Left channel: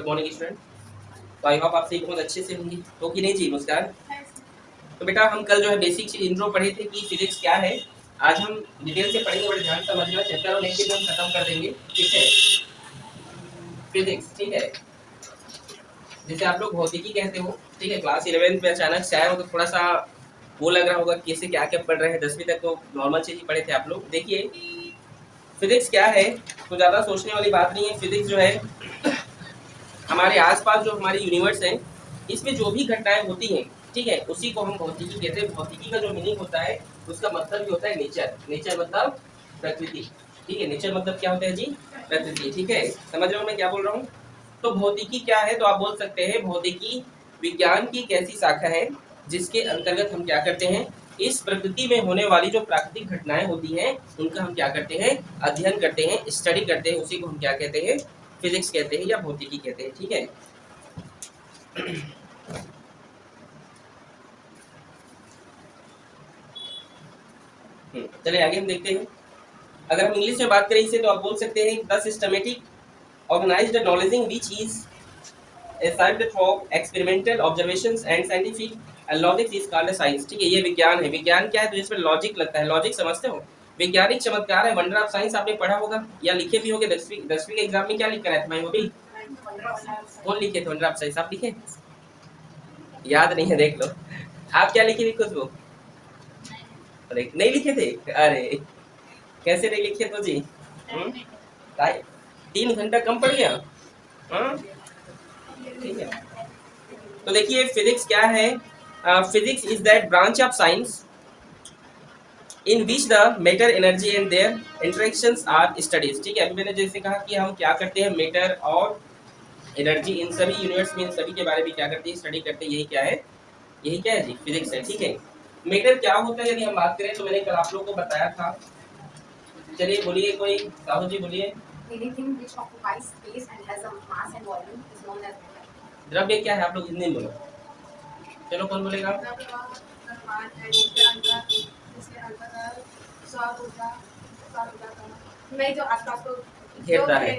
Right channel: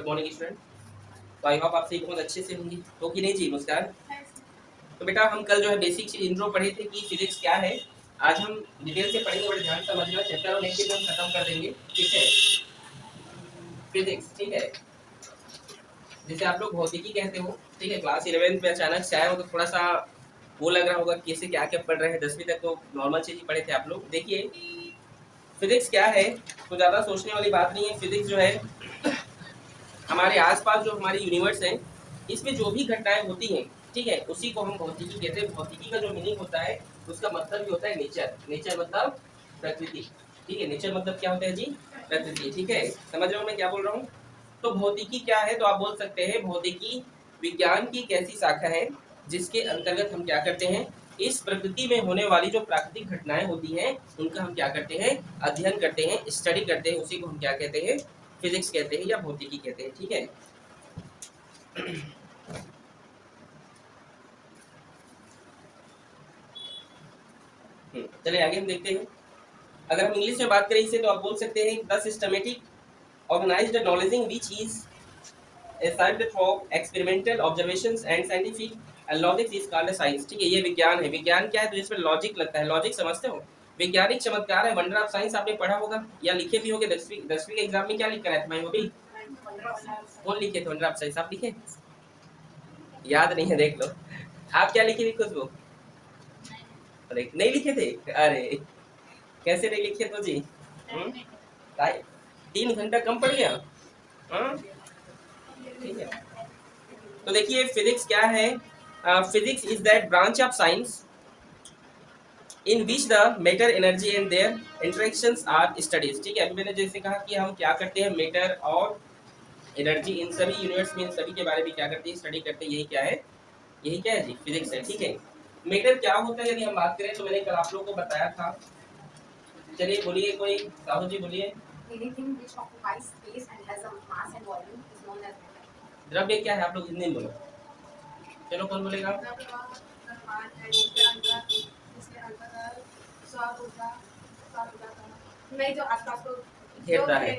Good morning student. तो I hope आप सभी बहुत अच्छे से होंगे, तो कि नहीं जी? मुस्कान। तो बेटा हम कल जो है बेसिक इंट्रो पढ़े थे कि फिजिक्स क्या है। आज हम डिटेल से पढ़ेंगे, बड़े ध्यान समझना। चैप्टर और नेक्स्ट हम खत्म कर देंगे, ठीक है। फिजिक्स, ठीक है, जैसे आप लोग भौतिकी कहते हो, ठीक है। क्लास 11th में अचानक से आए हो तो थोड़ा सा वो लग रहा होगा कैसे क्या क्या पढ़ रहे हैं। 10वीं तक तो नॉर्मल चीज ही पढ़े थे आप लोग। देखिए फिजिक्स क्या है, तो ज़्यादा सोचने वाली बात नहीं है। फिजिक्स जो है हमारे आसपास जो हमारी यूनिवर्स है, इसमें जो भी घटनाएं होती हैं, ठीक है, उसी को हम भौतिकी कहते हैं। भौतिकी का जो मीनिंग होता है उसका मतलब भी होता है नेचर। नेचर मतलब प्रकृति, ठीक है। नेचर मतलब क्या होता है जी? प्रकृति, ठीक है। समझ रहे हो मैं क्या बोल रहा हूँ? तो भौतिकी क्या है, तो आप बोल सकते हैं भौतिकी विज्ञान की एक ऐसी शाखा है जिसके अंतर्गत हम क्या करते हैं, इस प्रकृति में होने वाली जो प्राकृतिक घटनाएं होती हैं उनका हम क्या करते हैं, अध्ययन करते हैं, स्टडी करते हैं। उसी को हम क्या कहते हैं, फिजिक्स कहते हैं या भौतिकी कहते हैं, ठीक है। चलिए आगे हम देखते हैं। अगर हम इंग्लिश में बात करें इसे, तो आप बोल सकते हैं द सिस्टमेटिक ऑर्गेनाइज्ड नॉलेजिंग which is achieved through experimental observations and scientific logic is called science, ठीक है। ये विज्ञान है। विज्ञान क्या है, तो जिसमें लॉजिक लगता है। लॉजिक समझते हो? वैज्ञानिक चमत्कार है, वंडर ऑफ साइंस आपने पढ़ा होगा या लिखे भी होंगे। 10वीं के एग्जाम में क्या लिख कर आए थे भाई? वो भी कौन लिखे थे? वंडर ऑफ साइंस आप लिखे? याद नहीं है, देख लो। आप क्या लिखे थे खुद को? अरे नहीं लिखे थे? अरे कैसे नहीं लिखे तो जी? 3 घंटा कम पड़ गया, ठीक है। तो देखिए फिजिक्स क्या है। Physics is that branch of science in which the matter, energy and their interactions are studies, ठीक है। अभी मैंने जैसे कहा कि हम क्या करते हैं, मैटर और एनर्जी, इन सभी यूनिवर्स में इन सभी के बारे में क्या करते हैं, स्टडी करते हैं। यही क्या है, यही क्या है जी? फिजिक्स है, ठीक है। मैटर क्या होता है यदि हम बात करें, तो मैंने कल आप लोग को बताया था। चलिए बोलिए, कोई साहू जी बोलिए। द्रव्य क्या है, आप लोग हिंदी में बोलो। चलो कौन बोलेगा? घेरता है,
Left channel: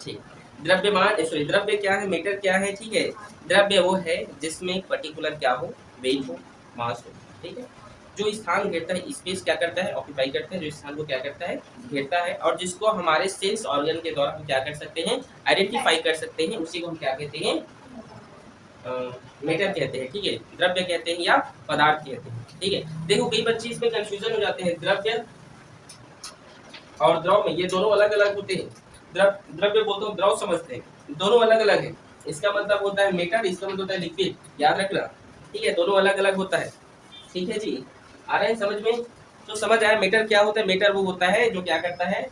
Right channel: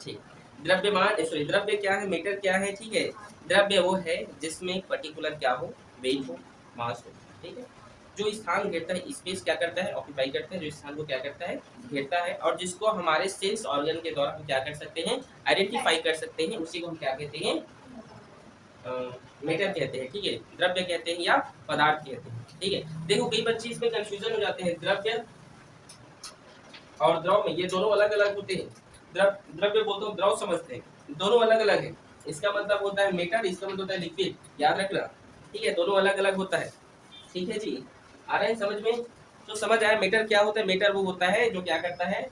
ठीक। द्रव्यमान, सॉरी, द्रव्य क्या है, मीटर क्या है, ठीक है। द्रव्य वो है जिसमें पर्टिकुलर क्या हो, वेट हो, मास हो, ठीक है। जो स्थान घेरता है, स्पेस क्या करता है, ऑक्यूपाई करता है। जो स्थान को क्या करता है, घेरता है, और जिसको हमारे सेंस ऑर्गन के द्वारा हम क्या कर सकते हैं, आइडेंटिफाई कर सकते हैं, उसी को हम क्या कहते हैं, मेटर कहते हैं, ठीक है। द्रव्य कहते हैं या पदार्थ कहते हैं, ठीक है। देखो कई बच्चे इसमें कंफ्यूजन हो जाते हैं। द्रव्य और द्रव में ये दोनों अलग अलग होते हैं। द्रव्य बोलते हो, द्रव समझते हैं, दोनों अलग अलग है। इसका मतलब होता है मेटर, इसका मतलब होता है लिक्विड, याद रखना, ठीक है। दोनों अलग अलग होता है, ठीक है जी। आ रहे हैं समझ में? तो समझ आया मेटर क्या होता है। मेटर वो होता है जो क्या करता है,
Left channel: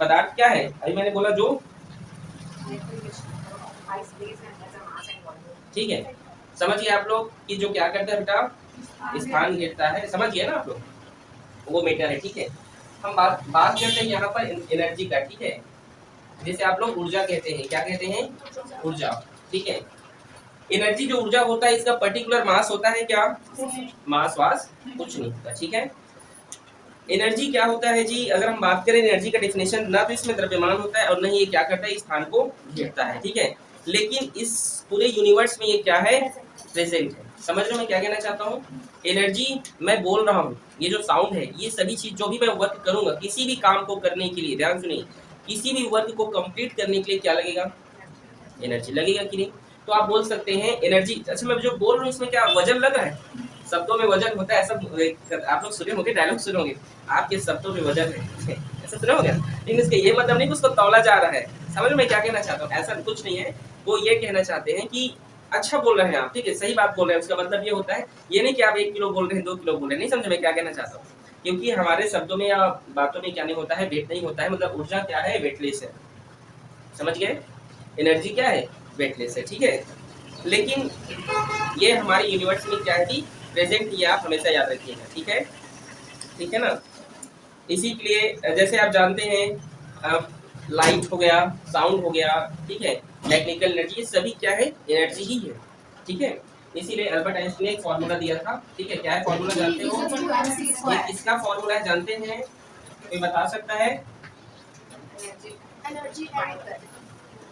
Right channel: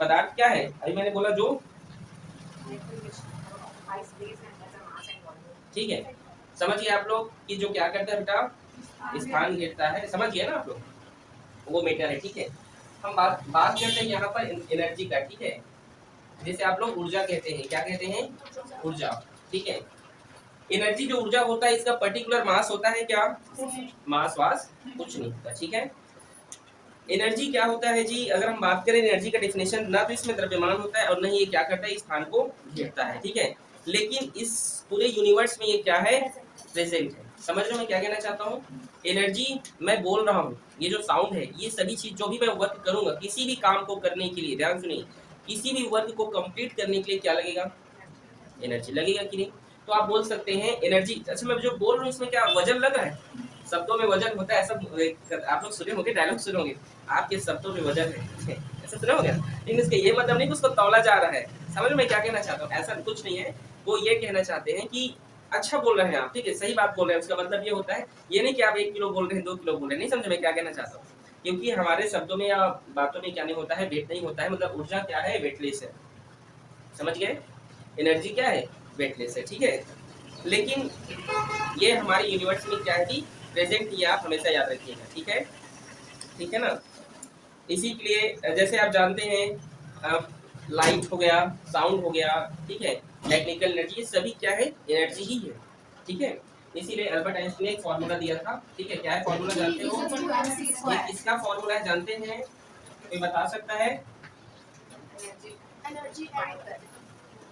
पदार्थ क्या है, अभी मैंने बोला जो, ठीक है। समझिए आप लोग कि जो क्या करता है बेटा, स्थान घेरता है, समझ गए ना आप लोग, वो मीटर है, ठीक है। हम बात करते हैं यहाँ पर एनर्जी का, ठीक है। जैसे आप लोग ऊर्जा कहते हैं, क्या कहते हैं, ऊर्जा, ठीक है। एनर्जी जो ऊर्जा होता है, इसका पर्टिकुलर मास होता है क्या, मास वास कुछ नहीं होता, ठीक है। एनर्जी क्या होता है जी, अगर हम बात करें एनर्जी का डेफिनेशन, ना तो इसमें द्रव्यमान होता है और नहीं ये क्या करता है, स्थान को घेरता है, ठीक है। लेकिन इस पूरे यूनिवर्स में ये क्या है, प्रेजेंट है। समझ रहे हो मैं क्या कहना चाहता हूँ? एनर्जी मैं बोल रहा हूँ, ये जो साउंड है, ये सभी चीज जो भी मैं वर्क करूंगा, किसी भी काम को करने के लिए, ध्यान सुनिए, किसी भी वर्क को कंप्लीट करने के लिए क्या लगेगा, एनर्जी लगेगा कि नहीं। तो आप बोल सकते हैं एनर्जी, अच्छा मैं जो बोल रहा हूँ इसमें क्या वजन लग रहा है, शब्दों में वजन होता है, ऐसा आप लोग सुने होंगे, डायलॉग सुने होंगे, आपके शब्दों में वजन है, ऐसा सुना होगा। लेकिन इसका ये मतलब नहीं कि उसको तौला जा रहा है। समझ में क्या कहना चाहता हूँ, ऐसा कुछ नहीं है। वो ये कहना चाहते हैं कि अच्छा बोल रहे हैं आप, ठीक है, सही बात बोल रहे हैं, उसका मतलब ये होता है, ये नहीं कि आप 1 किलो बोल रहे हैं, 2 किलो बोल रहे हैं, नहीं समझे मैं क्या कहना चाहता हूँ। क्योंकि हमारे शब्दों में या बातों में क्या नहीं होता है, वेट नहीं होता है, मतलब ऊर्जा क्या है, वेटलेस है, समझ गए। एनर्जी क्या है, वेटलेस है, ठीक है। लेकिन ये हमारी यूनिवर्स में क्या है कि प्रेजेंट, ये आप हमेशा याद रखिएगा, ठीक है, ठीक है ना। इसी के लिए जैसे आप जानते हैं, लाइट हो गया, साउंड हो गया, ठीक है, मैकेनिकल एनर्जी, सभी क्या है, एनर्जी ही है, ठीक है। इसीलिए अल्बर्ट आइंस्टाइन ने एक फॉर्मूला दिया था, ठीक है। क्या है फॉर्मूला, जानते हो? ये किसका फॉर्मूला है, जानते हैं? कोई बता सकता है?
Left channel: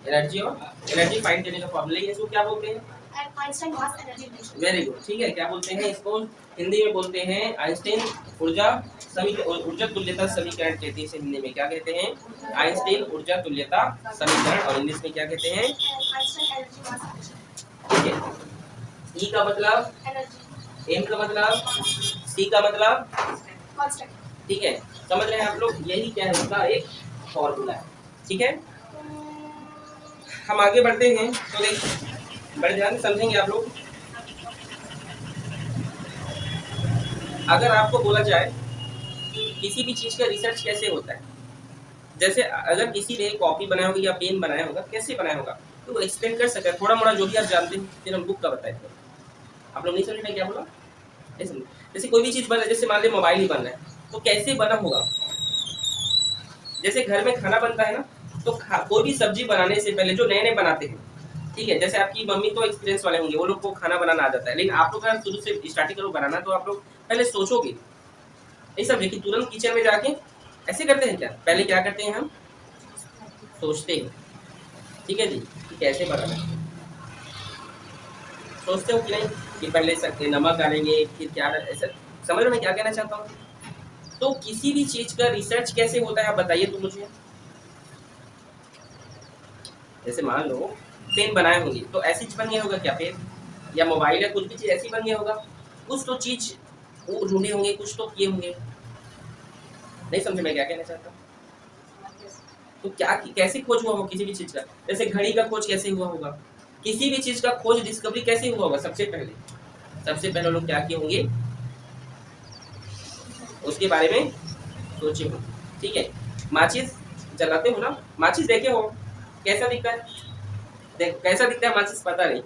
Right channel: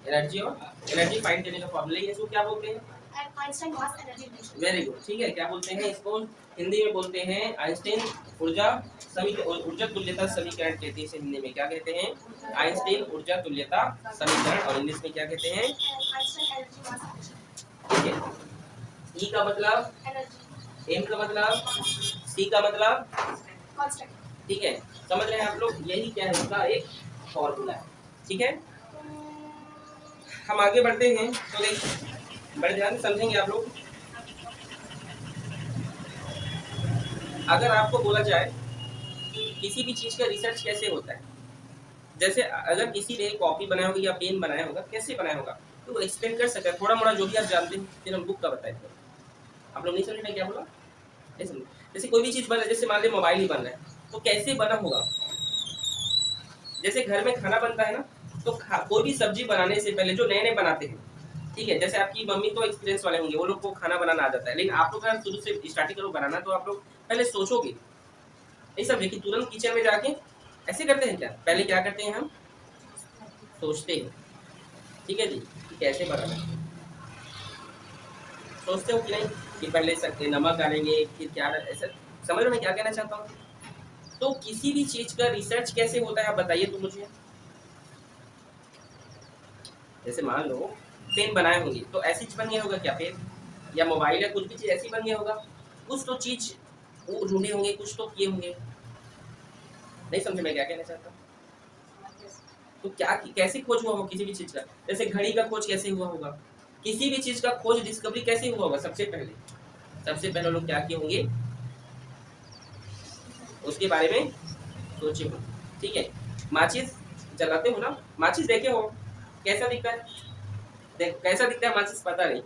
एनर्जी और एनर्जी फाइंड करने का फॉर्मूला है, इसको क्या बोलते हैं? Einstein mass energy relation. Very good, ठीक है। क्या बोलते हैं इसको? हिंदी में बोलते हैं आइंस्टाइन ऊर्जा ऊर्जा तुल्यता समीकरण कहते हैं इसे हिंदी में। क्या कहते हैं? आइंस्टाइन ऊर्जा तुल्यता समीकरण, और इंग्लिश में क्या कहते हैं? आइंस्टाइन एनर्जी मास ठीक है। ई का मतलब एनर्जी, एम का मतलब, सी का मतलब, कांस्टेंट। ठीक है। समझ रहे हैं आप लोग? यही क्या है उसका एक फॉर्मूला है, ठीक है। हम आगे बढ़ते हैं तो देखिए, बड़े ध्यान से समझेंगे आप लोग। अगर आपको बोला जाए किसी भी चीज का रिसर्च कैसे होता है, जैसे अगर किसी ने कॉपी बनाया होगा या पेन बनाया होगा, कैसे बनाया होगा, तो वो एक्सप्लेन कर सकता है थोड़ा मोड़ा जो भी आप जानते हैं, फिर हम बुक का बताए। आप लोग नहीं समझ रहे क्या बोला? जैसे कोई भी चीज बना, जैसे मान लीजिए मोबाइल ही बन रहा है, तो कैसे बना होगा? जैसे घर में खाना बनता है ना, तो कोई भी सब्जी बनाने से पहले जो नए नए बनाते हैं, ठीक है, जैसे आपकी मम्मी तो एक्सपीरियंस वाले होंगे, वो लोग को खाना बनाना आ जाता है, लेकिन आप लोग अगर शुरू से स्टार्टिंग करो बनाना, तो आप लोग पहले सोचोगे, नहीं समझे कि तुरंत किचन में जाके ऐसे करते हैं क्या? पहले क्या करते हैं हम? सोचते हैं, ठीक है जी, कि कैसे बनाना है। सोचते हो कि नहीं कि पहले सकते नमक डालेंगे फिर क्या, ऐसा समझ में क्या कहना चाहता हूँ? तो किसी भी चीज का रिसर्च कैसे होता है आप बताइए तो मुझे। जैसे मान लो पेन बनाए होंगे, तो ऐसी चीज बन गया होगा क्या पेन? या मोबाइल या कुछ भी चीज ऐसी बन गया होगा? कुछ तो चीज वो ढूंढे होंगे, कुछ तो किए होंगे। नहीं समझे मैं क्या कहना चाहता हूँ? तो क्या कैसे खोज हुआ होगा किसी भी चीज का? जैसे घड़ी का खोज कैसे हुआ होगा? किसी भी चीज का खोज डिस्कवरी कैसे हुआ होगा? सबसे पहले लोग क्या किए होंगे, उसके बारे में सोचे हो, ठीक है। माचिस जलाते हो ना, माचिस देखे हो कैसा दिखता है? कैसा दिखता है माचिस? पता नहीं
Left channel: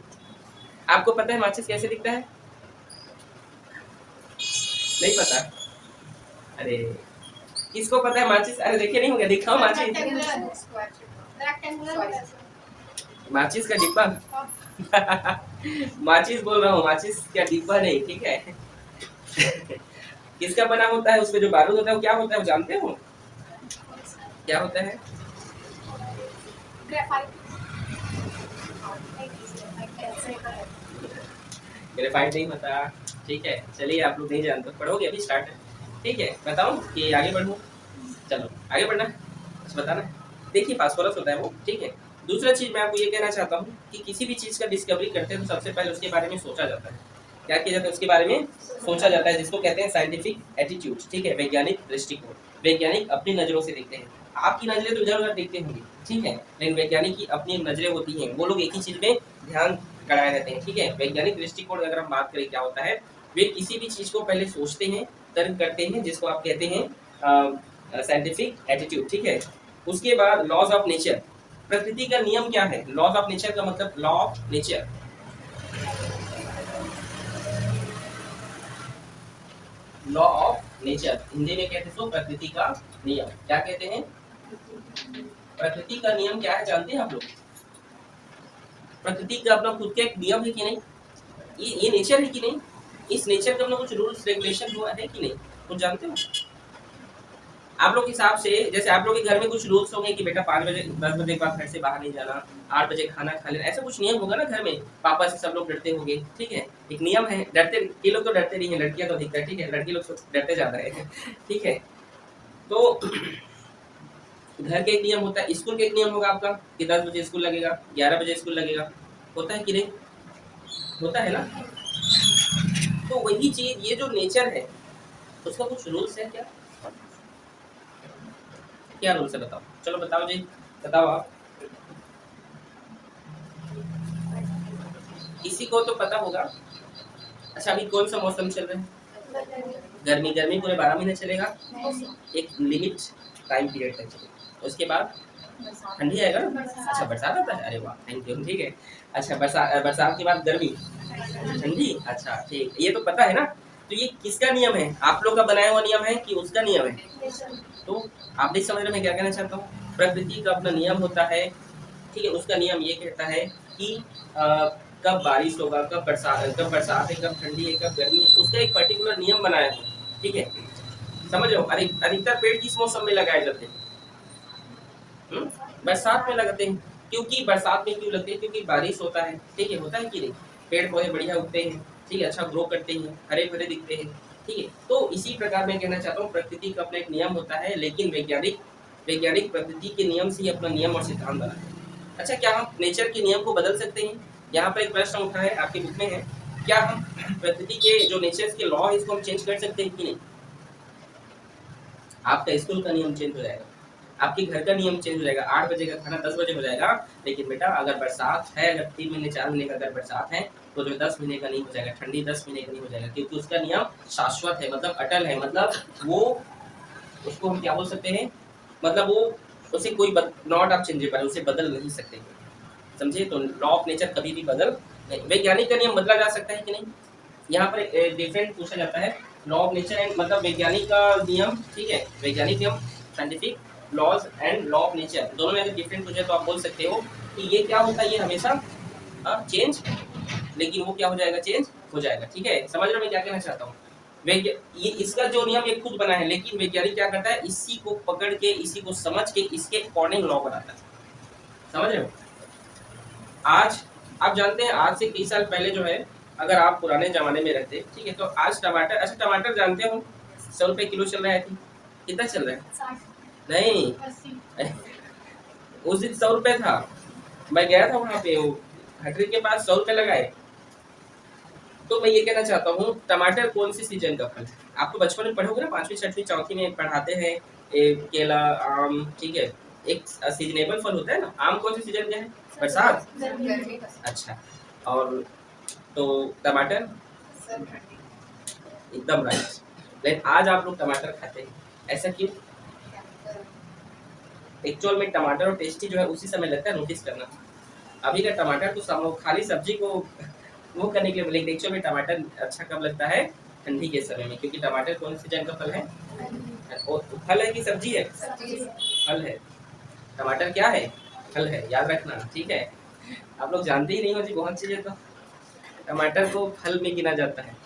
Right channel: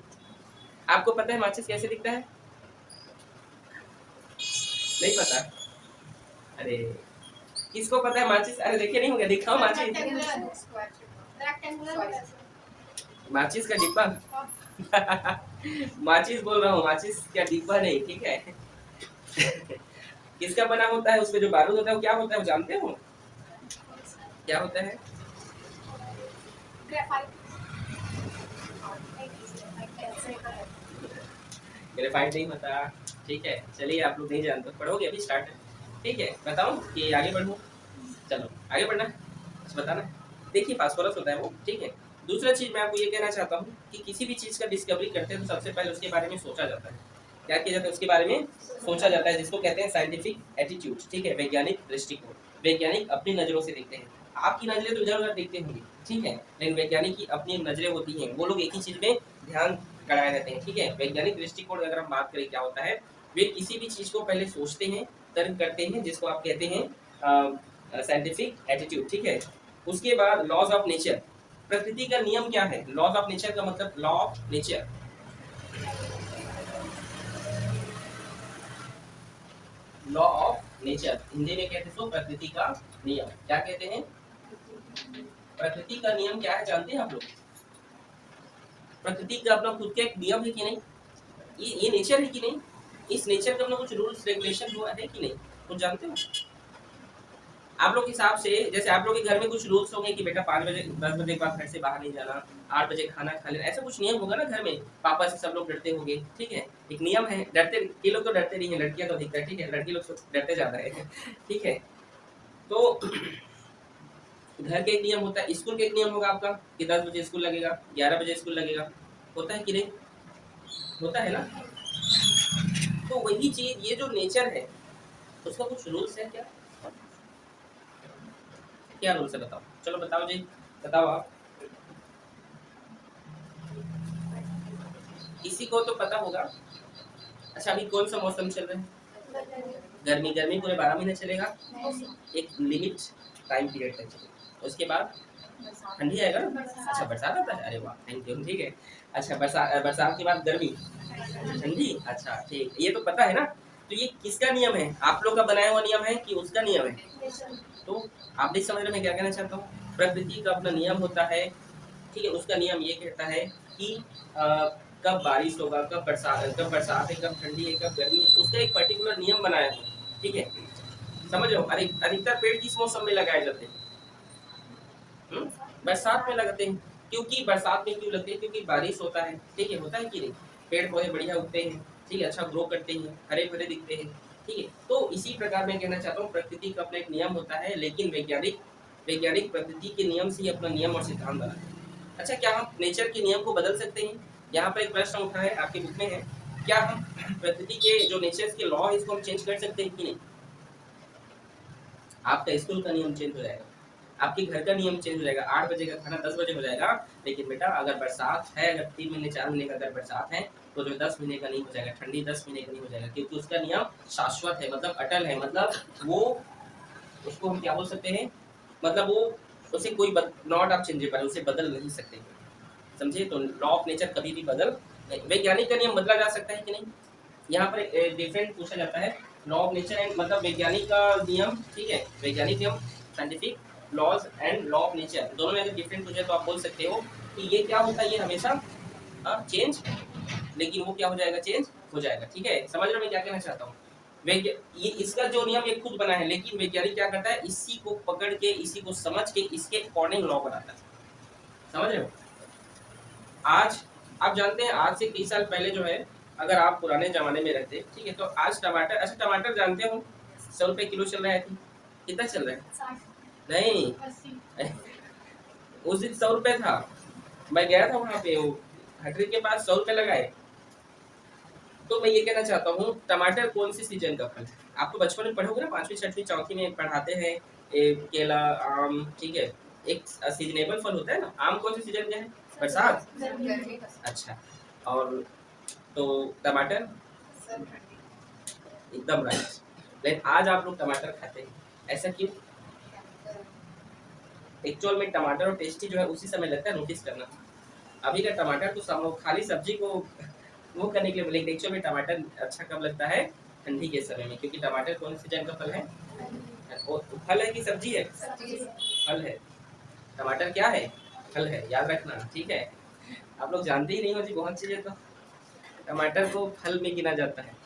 आपको? पता है माचिस कैसे दिखता है? नहीं पता? अरे किसको पता है माचिस? अरे देखे नहीं होंगे, दिखाओ माचिस। माचिस का डिब्बा माचिस बोल रहा हूँ, माचिस का डिब्बा नहीं, ठीक है। किसका बना होता है? उसमें जो बारूद होता है वो क्या होता है, वो जानते हो क्या होता है? ग्रेफाइट नहीं होता, ठीक है। चलिए आप लोग नहीं जानते, पढ़ोगे अभी स्टार्ट है, ठीक है। बताओ कि आगे बढ़ूँ? चलो आगे बढ़ना है, बताना। देखिए फास्फोरस होता है वो, ठीक है। दूसरा चीज मैं आपको ये कहना चाहता हूँ कि किसी भी चीज का डिस्कवरी करते हैं तो सबसे पहले उसके बारे में सोचा जाता है। क्या किया जाता है? उसके बारे में सोचा जाता है, जिसको कहते हैं साइंटिफिक एटीट्यूड, ठीक है, वैज्ञानिक दृष्टिकोण। वैज्ञानिक अपनी नजरों से देखते हैं, आपकी नजरें तो इधर उधर देखते होंगे, ठीक है, लेकिन वैज्ञानिक की अपनी नजरें होती हैं, वो लोग एक ही चीज में ध्यान गड़ाए रहते हैं, ठीक है। वैज्ञानिक दृष्टिकोण अगर हम बात करें क्या होता है, वे किसी भी चीज को पहले सोचते हैं, तर्क करते हैं, जिसको आप कहते हैं साइंटिफिक एटीट्यूड, ठीक है। उसके बाद लॉज ऑफ नेचर, प्रकृति का नियम क्या है? लॉज ऑफ नेचर का मतलब law of nature, law of nature Hindi में कहते हैं प्रकृति का नियम। क्या कहते हैं? प्रकृति का नियम क्या है जानते हैं आप लोग? प्रकृति का अपना खुद का एक नियम है कि नहीं? ये नेचर है कि नहीं? इस नेचर का अपना कुछ रूल्स रेगुलेशन हुआ है कि नहीं? कुछ जानते हो आप लोग के हिसाब से? जैसे आप लोग के घर में कुछ रूल्स होंगे कि बेटा 5 बजे 10 बजे के बाद घर से बाहर नहीं जाना, 8 बजे खाना खा लेना, ऐसा कुछ नियम होगा ना घर में? पापा से सब लोग डरते होंगे, ठीक है, एक नियम है। डरते ये लोग तो डरते नहीं है, लड़कियां तो अधिकतर, ठीक है, लड़की लोग तो डरते ज्यादा है, ठीक है। तो घर का एक नियम होता है, स्कूल का एक नियम होगा आपका कि 10 बजे स्कूल लगेगा, 11 बजे स्कूल लगेगा, होता है कि नहीं? होता है ना? तो वही चीज, ये जो नेचर है उसका कुछ रूल्स है क्या? क्या रूल्स है बताओ? चलो बताओ जी, बताओ आप। किसी को तो पता होगा। अच्छा अभी कौन सा मौसम चल रहा है? गर्मी। गर्मी पूरे 12 महीने चलेगा, एक लिमिट टाइम पीरियड तक चलेगा, उसके बाद ठंडी आएगा ना। अच्छा बरसात आता है, अरे वाह थैंक यू, ठीक है। अच्छा बरसात के बाद गर्मी, ठंडी, अच्छा ठीक, ये तो पता है ना। तो ये किसका नियम है? आप लोग का बनाया हुआ नियम है कि उसका नियम है? तो आप नहीं समझ रहे मैं क्या कहना चाहता हूँ? प्रकृति का अपना नियम होता है, ठीक है। उसका नियम ये कहता है कि कब बारिश होगा, कब बरसात है, कब ठंडी है, कब गर्मी है, उसका एक पर्टिकुलर नियम बनाया है, ठीक है। समझ लो अधिकतर पेड़ किस मौसम में लगाए जाते हैं? बरसात में लगाते हैं, क्योंकि बरसात में क्यों लगते हैं? क्योंकि बारिश होता है, ठीक है, होता है कि नहीं, पेड़ पौधे बढ़िया उगते हैं, ठीक है, अच्छा ग्रो करते हैं, हरे भरे दिखते हैं, ठीक है। तो इसी प्रकार मैं कहना चाहता हूँ प्रकृति का अपना एक नियम होता है, लेकिन वैज्ञानिक वैज्ञानिक प्रकृति के नियम से ही अपना नियम और सिद्धांत बनाते हैं। अच्छा, क्या हम नेचर के नियम को बदल सकते हैं? यहाँ पर एक प्रश्न उठा है, आपकी बुक में है, क्या हम प्रकृति के जो नेचर के लॉ है इसको हम चेंज कर सकते हैं कि नहीं? आपका स्कूल का नियम चेंज हो जाएगा, आपके घर का नियम चेंज हो जाएगा, 8 बजे का खाना 10 बजे हो जाएगा, लेकिन बेटा अगर बरसात है, अगर 3 महीने 4 महीने का अगर बरसात है तो जो 10 महीने का नहीं हो जाएगा, ठंडी 10 महीने का नहीं हो जाएगा, क्योंकि उसका नियम शाश्वत है, मतलब अटल है, मतलब वो उसको हम क्या बोल सकते हैं, मतलब वो उसे कोई नॉट आप चेंजेबल, उसे बदल नहीं सकते, समझे? तो लॉ ऑफ नेचर कभी भी बदल नहीं। वैज्ञानिक का नियम बदला जा सकता है कि नहीं? यहाँ पर डिफरेंट पूछा जाता है, लॉ ऑफ नेचर एंड मतलब वैज्ञानिक का नियम, ठीक है, वैज्ञानिक नियम, scientific laws and law of nature, दोनों में अगर डिफरेंट पूछे तो आप बोल सकते हो कि ये क्या होता है, ये हमेशा चेंज, लेकिन वो क्या हो जाएगा, चेंज हो जाएगा, ठीक है। समझ रहे हो मैं क्या कहना चाहता हूँ? ये इसका जो नियम ये खुद बना है, लेकिन वैज्ञानिक क्या करता है, इसी को पकड़ के, इसी को समझ के, इसके अकॉर्डिंग लॉ बनाता है, समझ रहे हो? आज आप जानते हैं, आज से कई साल पहले जो है, अगर आप पुराने जमाने में रहते, ठीक है, तो आज टमाटर, अच्छा टमाटर जानते हो 100 रुपए किलो चल रहा है, कितना चल रहा है? 60, नहीं, 80, उस दिन 100 रुपए था, मैं गया था वहाँ पे, वो हटरी के पास 100 रुपए लगाए। तो मैं ये कहना चाहता हूँ, टमाटर कौन सी सीजन का फल है? आप तो बचपन में पढ़ोगे ना, 5वीं 6वीं चौथी में पढ़ाते हैं, केला, आम, ठीक है, एक सीजनेबल फल होता है ना, आम कौन सी सीजन का है? बरसात। अच्छा, और तो टमाटर एकदम राइट, लेकिन आज आप लोग टमाटर खाते हैं, ऐसा क्यों? एक्चुअल में टमाटर और टेस्टी जो है उसी समय लगता है, नोटिस करना। अभी का टमाटर तो खाली सब्जी को वो करने के लिए, लेकिन एक्चुअल में टमाटर अच्छा कब लगता है? ठंडी के समय में, क्योंकि टमाटर कौन सी सीजन का फल है? और फल है कि सब्जी है? फल है। टमाटर क्या है? फल है, याद रखना, ठीक है। आप लोग जानते ही नहीं हो जी बहुत चीजें, तो टमाटर को फल में गिना जाता है,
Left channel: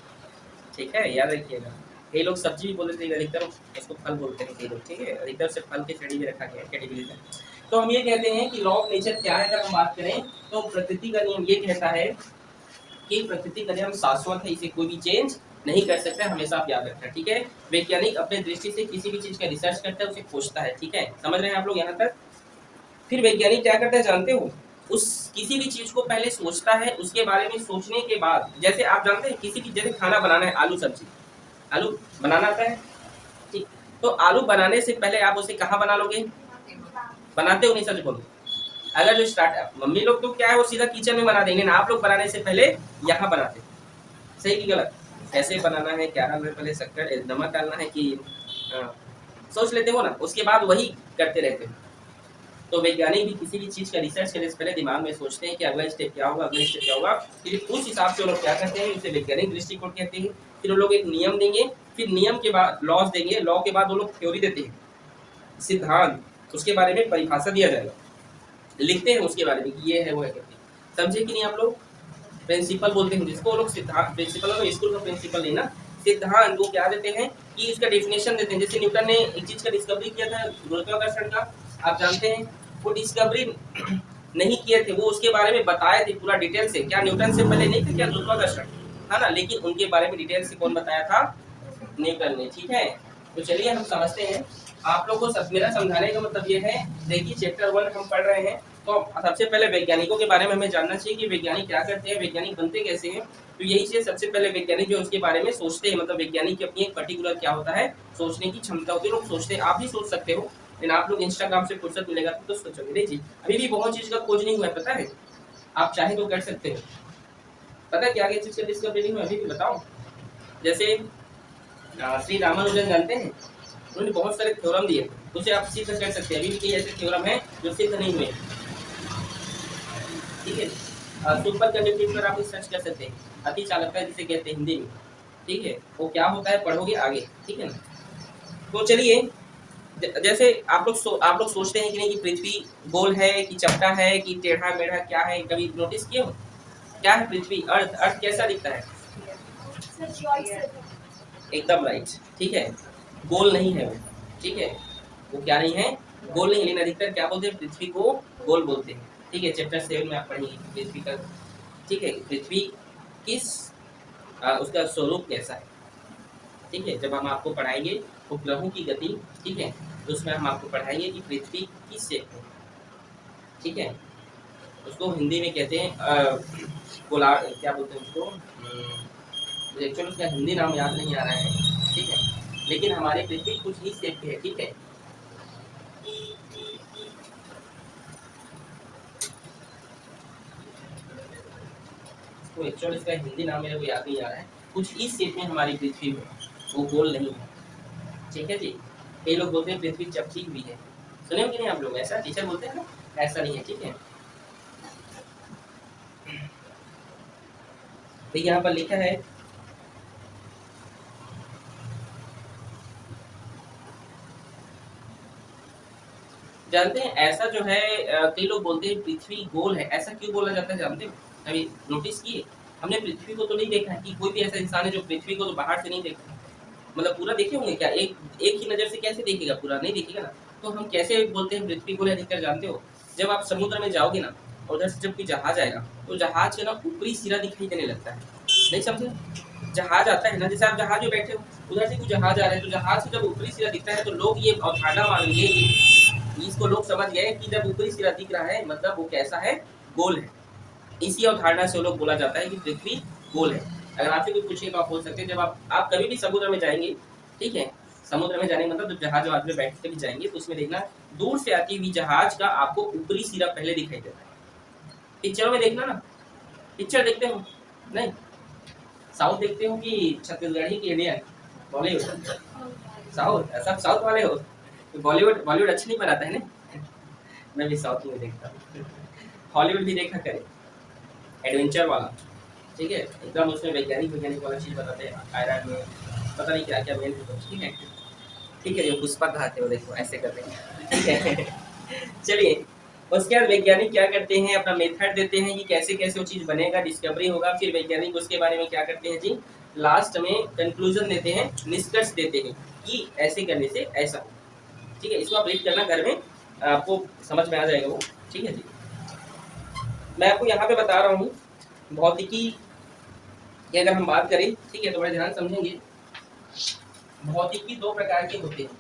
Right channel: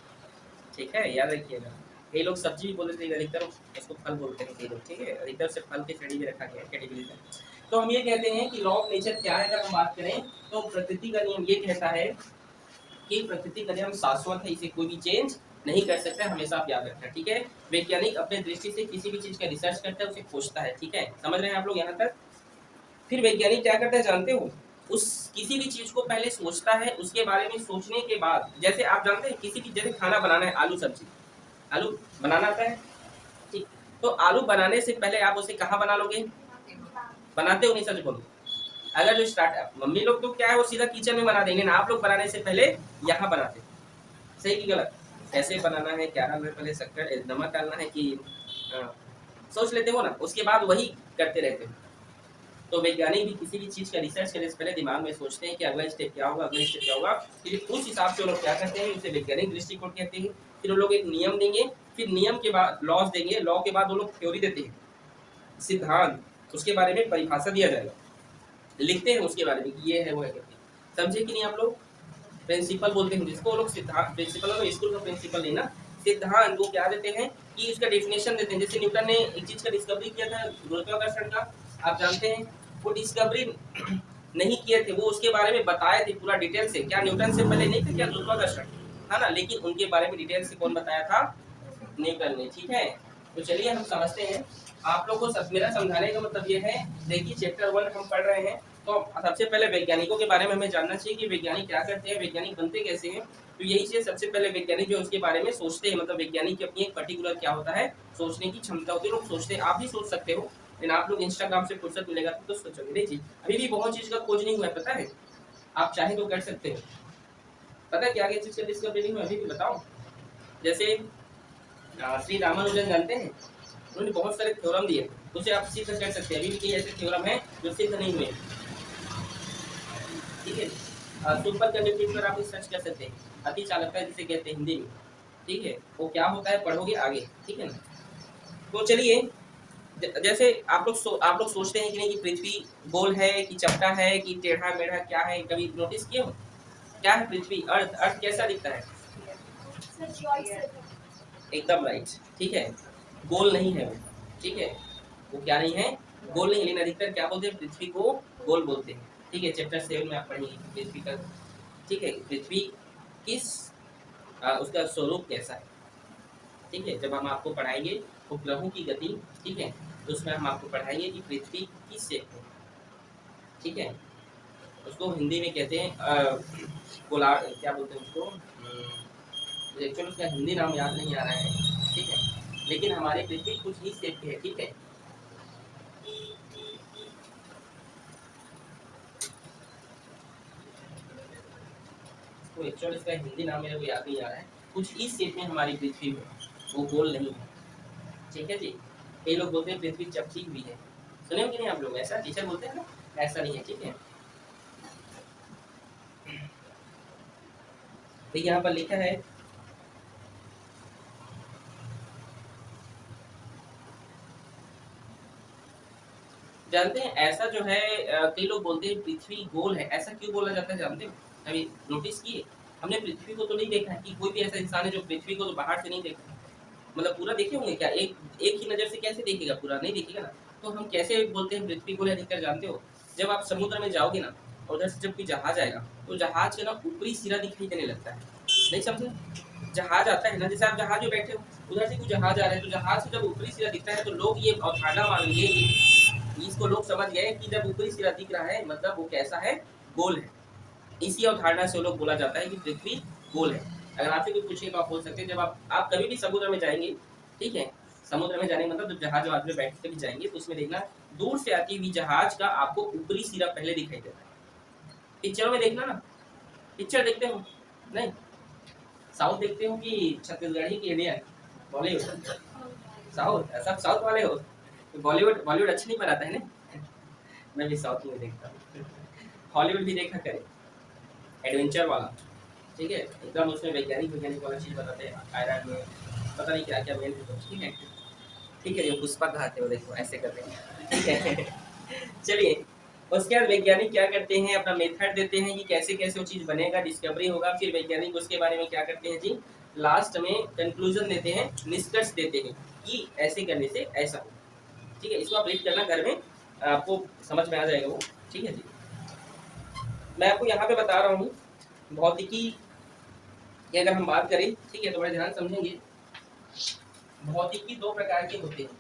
ठीक है, याद रखिएगा। कई लोग सब्जी भी बोलते हैं, अधिकतर उसको फल बोलते हैं कई लोग, ठीक है, अधिकतर से फल के श्रेणी में रखा गया है, कैटेगरी में। तो हम ये कहते हैं कि लॉ ऑफ नेचर क्या है, अगर हम बात करें तो प्रकृति का नियम ये कहता है कि प्रकृति का नियम शाश्वत है, इसे कोई भी चेंज नहीं कर सकता, हमेशा आप याद रखना, ठीक है। वैज्ञानिक अपने दृष्टि से किसी भी चीज का रिसर्च करता है, उसे खोजता है, ठीक है, समझ रहे हैं आप लोग यहाँ तक? फिर वैज्ञानिक क्या करता है जानते हो? उस किसी भी चीज को पहले सोचता है, उसके बारे में सोचने के बाद, जैसे आप जानते हैं किसी भी, जैसे खाना बनाना है, आलू सब्जी, आलू बनाना आता है, ठीक, तो आलू बनाने से पहले आप उसे कहाँ बना लोगे? बनाते हो नहीं, सच बोलो। अगर जो स्टार्ट मम्मी लोग तो क्या है, वो सीधा किचन में बना देंगे ना, आप लोग बनाने से पहले यहाँ बनाते, सही कि गलत? ऐसे बनाना है, क्या डालना है, पहले शक्कर नमक डालना है कि सोच लेते हो ना, उसके बाद वही करते रहते हो। तो वैज्ञानिक भी किसी भी चीज का रिसर्च करने से पहले दिमाग में सोचते हैं कि अगला स्टेप क्या होगा, अगला स्टेप क्या होगा, फिर उस हिसाब से वो लोग क्या करते हैं, उसे वैज्ञानिक दृष्टिकोण कहते हैं। फिर वो लोग एक नियम देंगे, फिर नियम के बाद लॉज देंगे, लॉ के बाद वो लोग थ्योरी देते हैं, सिद्धांत, उसके बारे में परिभाषा दिया जाएगा, लिखते हैं उसके बारे में कि ये है वो है करके, समझे कि नहीं आप लोग? प्रिंसिपल बोलते हैं जिसको, वो लोग सिद्धांत, प्रिंसिपल हो, स्कूल का प्रिंसिपल नहीं ना, सिद्धांत वो क्या देते हैं कि इसका डेफिनेशन देते हैं। जैसे न्यूटन ने एक चीज का डिस्कवरी किया था, गुरुत्वाकर्षण का, आप जानते हैं, वो डिस्कवरी नहीं किए थे, वो उसके बारे में बताए थे पूरा डिटेल से, क्या न्यूटन से पहले नहीं था क्या गुरुत्वाकर्षण, है ना, लेकिन उनके बारे में डिटेल से कौन बताया था? न्यूटन ने, ठीक है। तो चलिए हम समझते हैं, आप लोग को मेरा समझाने का मतलब ये है, देखिए चैप्टर 1 हम पढ़ रहे हैं, तो सबसे पहले वैज्ञानिकों के बारे में हमें जानना चाहिए कि वैज्ञानिक क्या करते हैं, वैज्ञानिक बनते कैसे हैं। तो यही से सबसे पहले वैज्ञानिक जो उसके बारे में सोचते हैं, मतलब वैज्ञानिक की अपनी एक पर्टिकुलर क्या होता है, सोचने की क्षमता होती है, लोग सोचते हैं, आप भी सोच सकते हो, लेकिन आप लोग इंस्टाग्राम से फुर्सत मिलेगा तो सोचोगे नहीं जी, अभी भी बहुत चीज का खोज नहीं हुआ है, पता है, आप चाहे तो कर सकते हो, पता है क्या क्या चीज का डिस्कवरी नहीं हुआ अभी भी, बताओ। जैसे श्री रामानुजन जानते हैं, उन्होंने बहुत सारे थ्योरम दिए, उसे आप सिद्ध कर सकते हैं, अभी भी कई ऐसे थ्योरम है जो सिद्ध नहीं हुए, ठीक है। सुपर कंडक्टिविटी पर आप सर्च कर सकते हैं, अति चालकता जिसे कहते हैं हिंदी में, ठीक है, वो क्या होता है पढ़ोगे आगे, ठीक है ना। तो चलिए, जैसे आप लोग सोचते हैं कि नहीं कि पृथ्वी गोल है कि चपटा है कि टेढ़ा मेढ़ा, क्या है, कभी नोटिस किए हो? क्या है पृथ्वी, अर्थ, अर्थ कैसा दिखता है? एकदम राइट, ठीक है, गोल नहीं है वो, ठीक है, वो क्या नहीं है, गोल नहीं, लेकिन अधिकतर क्या बोलते हैं, पृथ्वी को गोल बोलते हैं, ठीक है, चैप्टर 7 में आप पढ़ेंगे पृथ्वी का, ठीक है, पृथ्वी किस उसका स्वरूप कैसा है, ठीक है। जब हम आपको पढ़ाएंगे उपग्रहों की गति, ठीक है, तो उसमें हम आपको पढ़ाएंगे कि पृथ्वी किस शेप में, ठीक है। उसको हिंदी में कहते हैं गोलार्ध, क्या बोलते हैं उसको, मुझे एक्चुअली उसका हिंदी नाम याद नहीं आ रहा है, ठीक है, लेकिन हमारी पृथ्वी कुछ इस शेप की है, ठीक है। तो एक्चुअली इसका हिंदी नाम मेरे को याद नहीं आ रहा है, कुछ इस शेप में हमारी पृथ्वी में, वो गोल नहीं है, ठीक है जी। कई लोग बोलते हैं पृथ्वी चपटी हुई है, सुने हो कि नहीं आप लोग, ऐसा टीचर बोलते हैं ना, ऐसा नहीं है, ठीक है। तो यहाँ पर लिखा है जानते हैं ऐसा जो है कई लोग बोलते हैं पृथ्वी गोल है, ऐसा क्यों बोला जाता है जानते हो, अभी नोटिस किए, हमने पृथ्वी को तो नहीं देखा कि कोई भी ऐसा इंसान है जो पृथ्वी को तो बाहर से नहीं देखा, मतलब पूरा देखे होंगे क्या, एक ही नज़र से कैसे देखेगा, पूरा नहीं देखेगा ना। तो हम कैसे बोलते हैं पृथ्वी गोल है, अधिकतर जानते हो, जब आप समुद्र में जाओगे ना, और उधर से जब कोई जहाज आएगा तो जहाज का ना ऊपरी सिरा दिखाई देने लगता है, नहीं समझे, जहाज आता है ना, जैसे आप जहाज में बैठे हो, उधर से कोई जहाज आ रहा है, तो जहाज से जब ऊपरी सिरा दिखता है तो लोग ये अवधारणा मान लिए कि इसको लोग समझ गए कि जब ऊपरी सिरा दिख रहा है मतलब वो कैसा है, गोल है। इसी अवधारणा से वो लोग बोला जाता है कि पृथ्वी गोल है। अगर आपसे कोई पूछे तो आप बोल सकते हैं, जब आप कभी भी समुद्र में जाएंगे, ठीक है, समुद्र में जाने मतलब जब जहाज में बैठ के भी जाएंगे तो उसमें देखना दूर से आती हुई जहाज का आपको ऊपरी सिरा पहले दिखाई देता है। पिक्चरों में देखना ना, पिक्चर देखते हो नहीं, साउथ देखते हो कि छत्तीसगढ़ी की इंडियन, बॉलीवुड, साउथ, सब साउथ वाले हो, बॉलीवुड बॉलीवुड अच्छा नहीं बनाता है ना। मैं भी साउथ में देखता हूँ, हॉलीवुड भी देखा करें, एडवेंचर वाला, ठीक है, एकदम उसमें वैज्ञानिक वैज्ञानिक वाला चीज़ बताते हैं, आयरन में पता नहीं क्या क्या मेन, ठीक है, ठीक है, जो पुष्पा खाते हो देखो ऐसे करते हैं, ठीक है। चलिए, उसके बाद वैज्ञानिक क्या करते हैं, अपना मेथड देते हैं कि कैसे कैसे वो चीज़ बनेगा, डिस्कवरी होगा, फिर वैज्ञानिक उसके बारे में क्या करते हैं जी, लास्ट में कंक्लूजन देते हैं, निष्कर्ष देते हैं कि ऐसे करने से ऐसा हो, ठीक है। इसको आप रीड करना घर में, आपको समझ में आ जाएगा वो, ठीक है जी। मैं आपको यहाँ पे बता रहा हूँ भौतिकी की अगर हम बात करें, ठीक है, तो बड़े ध्यान समझेंगे, भौतिकी दो प्रकार के होते हैं,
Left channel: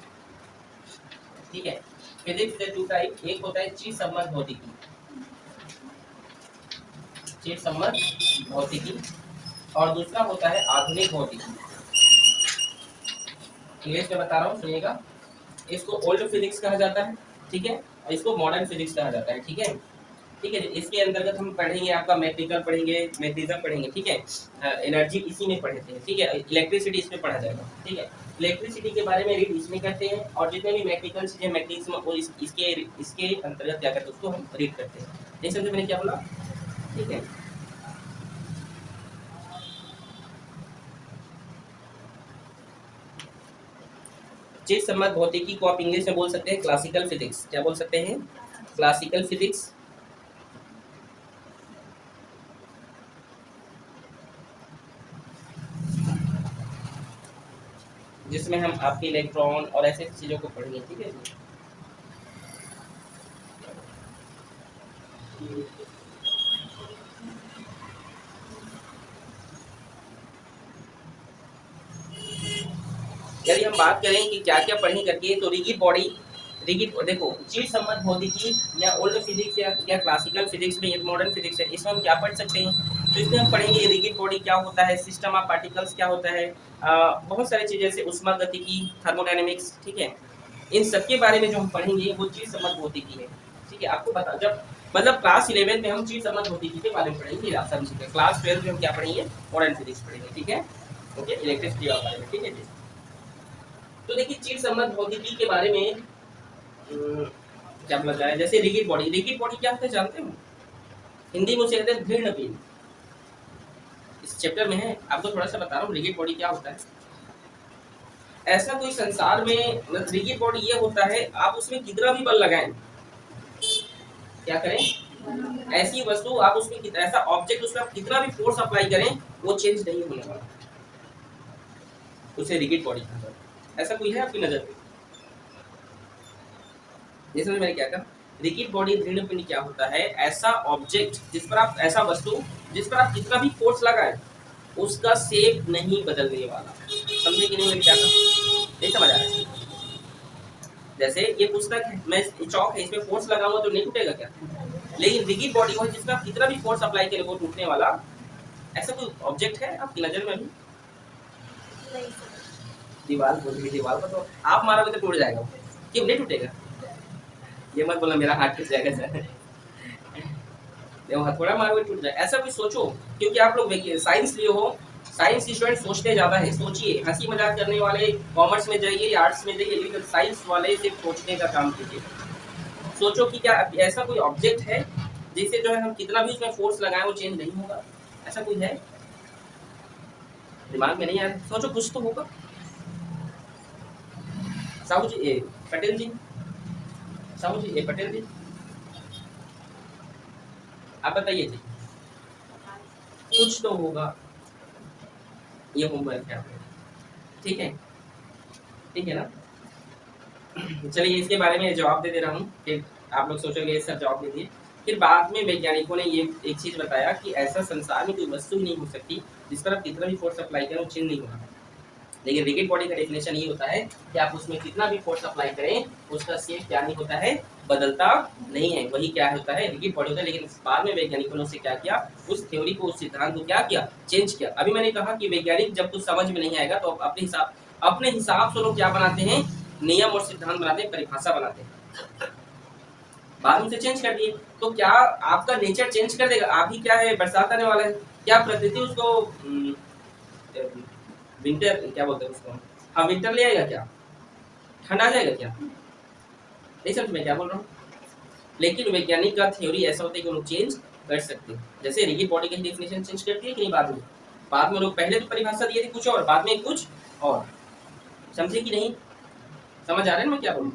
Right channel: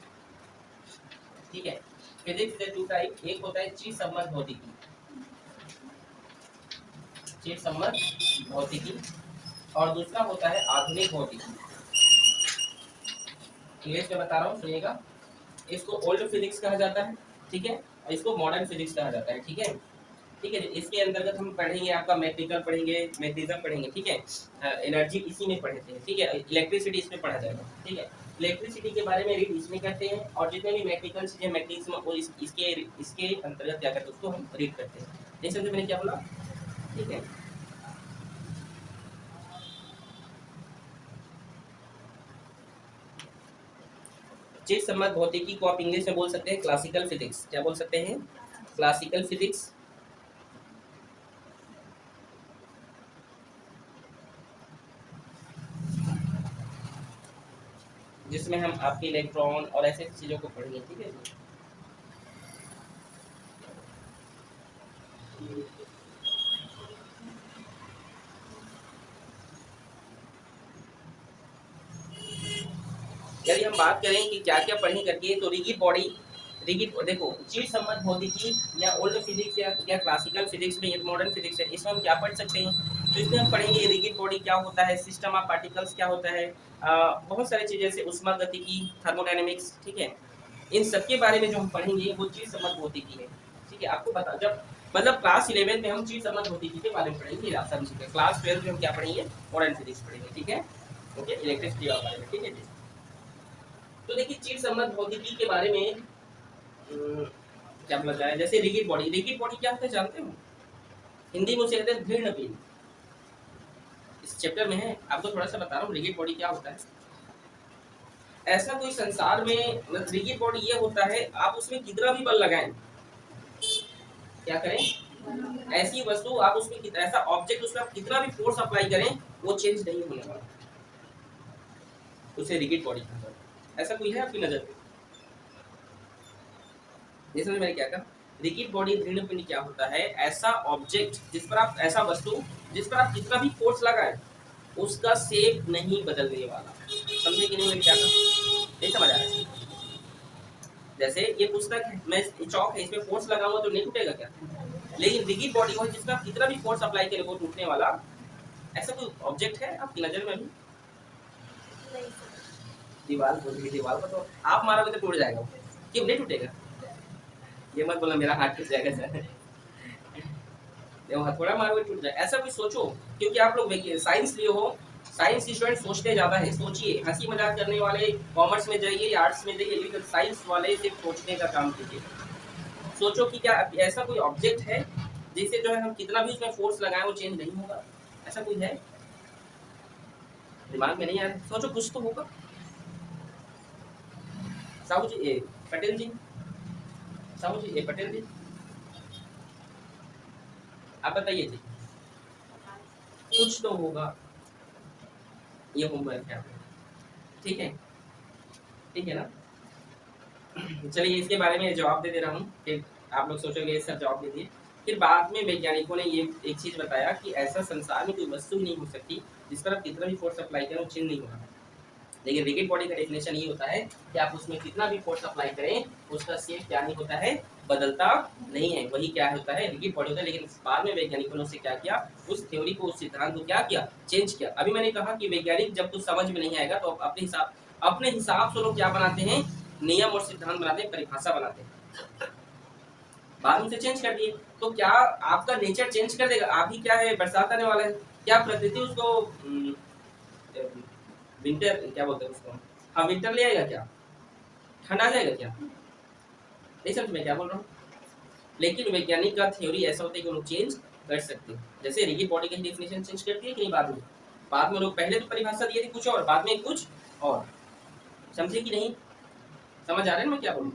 ठीक है, फिजिक्स के टू टाइप, एक होता है चिर सम्मत भौतिकी, चिर सम्मत भौतिकी, और दूसरा होता है आधुनिक भौतिकी। इंग्लिश में बता रहा हूँ, सुनिएगा, इसको ओल्ड फिजिक्स कहा जाता है, ठीक है, और इसको मॉडर्न फिजिक्स कहा जाता है, ठीक है, ठीक है। इसके अंतर्गत हम पढ़ेंगे, आपका मैग्नेटिज्म पढ़ेंगे, मैग्नेटिज्म पढ़ेंगे, ठीक है, एनर्जी इसी में पढ़ते हैं, ठीक है, इलेक्ट्रिसिटी इसमें पढ़ा जाएगा, ठीक है, इलेक्ट्रिसिटी के बारे में रीड इसमें करते हैं, और जितने भी मैग्नेटिकल चीजें मैग्नेटिज्म वो इसके इसके अंतर्गत क्या करते हैं उसको हम रीड करते हैं, नहीं समझे मैंने क्या बोला, ठीक है। चिर सम्मत भौतिकी को आप इंग्लिश में बोल सकते हैं क्लासिकल फिजिक्स, क्या बोल सकते हैं, क्लासिकल फिजिक्स, जिसमें हम आपके इलेक्ट्रॉन और ऐसे चीजों को पढ़ेंगे, ठीक है। यदि हम बात करें कि क्या क्या पढ़ें करके, तो रिगिड बॉडी, रिगिड देखो, चिर सम्मत भौतिकी या ओल्ड फिजिक्स या क्लासिकल फिजिक्स में, ये मॉडर्न फिजिक्स है, इसमें हम क्या पढ़ सकते हैं, तो इसमें हम पढ़ेंगे रिगिड बॉडी क्या होता है, सिस्टम ऑफ पार्टिकल्स क्या होता है, बहुत सारी चीज़ें जैसे ऊष्मागतिकी, थर्मोडायनेमिक्स, ठीक है, इन सब के बारे में जो हम पढ़ेंगे वो चिर सम्मत भौतिकी है, ठीक है। आपको पता जब मतलब क्लास 11 में हम चिर सम्मत भौतिकी के बारे में पढ़ेंगे, आप समझिए, क्लास 12 में हम क्या पढ़ेंगे, मॉडर्न फिजिक्स पढ़ेंगे, ठीक है, ओके, इलेक्ट्रिसिटी के बारे में, ठीक है जी। तो देखिए चिर सम्मत भौतिकी के बारे में क्या बोला जाए, जैसे रिगिड बॉडी, रिगिड बॉडी क्या होता है जानते हो, हिंदी में उसे कहते हैं दृढ़ पिंड, इस चैप्टर में है, आपको थोड़ा सा बता रहा हूँ रिगिड बॉडी क्या होता है। ऐसा कोई संसार में रिगिड बॉडी ये होता है, आप उसमें कितना भी बल लगाएं, क्या करें, ऐसी वस्तु आप उसमें ऐसा ऑब्जेक्ट उसमें आप कितना भी फोर्स अप्लाई करें वो चेंज नहीं होने वाला, उसे रिगिड बॉडी कहते हैं। ऐसा कोई है आपकी नजर में, जैसे मैंने क्या कहा, रिजिड बॉडी दृढ़ पिंड क्या होता है? ऐसा ऑब्जेक्ट जिस पर आप ऐसा वस्तु जिस पर आप कितना भी फोर्स लगाए उसका शेप नहीं बदलने वाला। समझे कि नहीं मेरी क्या नहीं समझ आ रहा है? जैसे ये पुस्तक है, मैं चौक है, इसमें फोर्स लगाऊंगा तो नहीं टूटेगा क्या? लेकिन रिजिड बॉडी हो जिसमें आप कितना भी फोर्स अप्लाई करें वो टूटने वाला ऐसा कोई ऑब्जेक्ट है आपकी नजर में अभी? दीवार बोल रही, दीवार को तो आप मारोगे तो टूट जाएगा, क्यों नहीं टूटेगा? ये मत बोलना मेरा हाथ किस जगह से है। देखो हथौड़ा मारोगे टूट जाए, ऐसा भी सोचो, क्योंकि आप लोग साइंस लिए हो, साइंस स्टूडेंट सोचते ज्यादा है। सोचिए, हंसी मजाक करने वाले कॉमर्स में जाइए या आर्ट्स में जाइए, लेकिन साइंस वाले सिर्फ सोचने का काम कीजिए। सोचो कि क्या ऐसा कोई ऑब्जेक्ट है जिसे जो है हम कितना भी उसमें फोर्स लगाएं वो चेंज नहीं होगा? ऐसा कोई है? दिमाग में नहीं आ रहा, सोचो, कुछ तो होगा। साहू जी, पटेल जी, साहू जी, पटेल जी, आप बताइए जी, कुछ तो होगा। ये होमवर्क है आपको, ठीक है? ठीक है ना? चलिए इसके बारे में जवाब दे दे रहा हूँ, फिर आप लोग सोचोगे ये सब जवाब दे दिए। फिर बाद में वैज्ञानिकों ने ये एक चीज बताया कि ऐसा संसार में कोई वस्तु ही नहीं हो सकती जिस पर आप कितना भी फोर्स अप्लाई करें वो चेंज नहीं होगा। लेकिन रिजिड बॉडी का डेफिनेशन ये होता है कि आप उसमें कितना भी फोर्स अप्लाई करें उसका शेप क्या नहीं होता है, बदलता नहीं है। वही क्या होता है, रिजिड बॉडी होता है। लेकिन बाद में वैज्ञानिकों ने उससे क्या किया, उस थ्योरी को, उस सिद्धांत को क्या किया, चेंज किया। अभी मैंने कहा कि वैज्ञानिक जब कुछ समझ में नहीं आएगा तो अपने हिसाब से लोग क्या बनाते हैं, नियम और सिद्धांत बनाते हैं, परिभाषा बनाते हैं, बाद में से चेंज कर दिए। तो क्या आपका नेचर चेंज कर देगा? आप ही क्या है, बरसात आने वाला है, क्या प्रकृति उसको विंटर क्या बोलते हैं उसको, हाँ विंटर ले आएगा क्या? ठंड आ जाएगा क्या? नहीं समझ में क्या बोल रहा हूँ? लेकिन वैज्ञानिक का थ्योरी ऐसा होता है कि वो लोग चेंज कर सकते हैं। जैसे रिजिड बॉडी की डेफिनेशन चेंज करती है कि नहीं बाद में लोग पहले तो परिभाषा दिए थे कुछ और, बाद में कुछ और। समझे कि नहीं? समझ आ रहा है ना मैं क्या बोलूँ?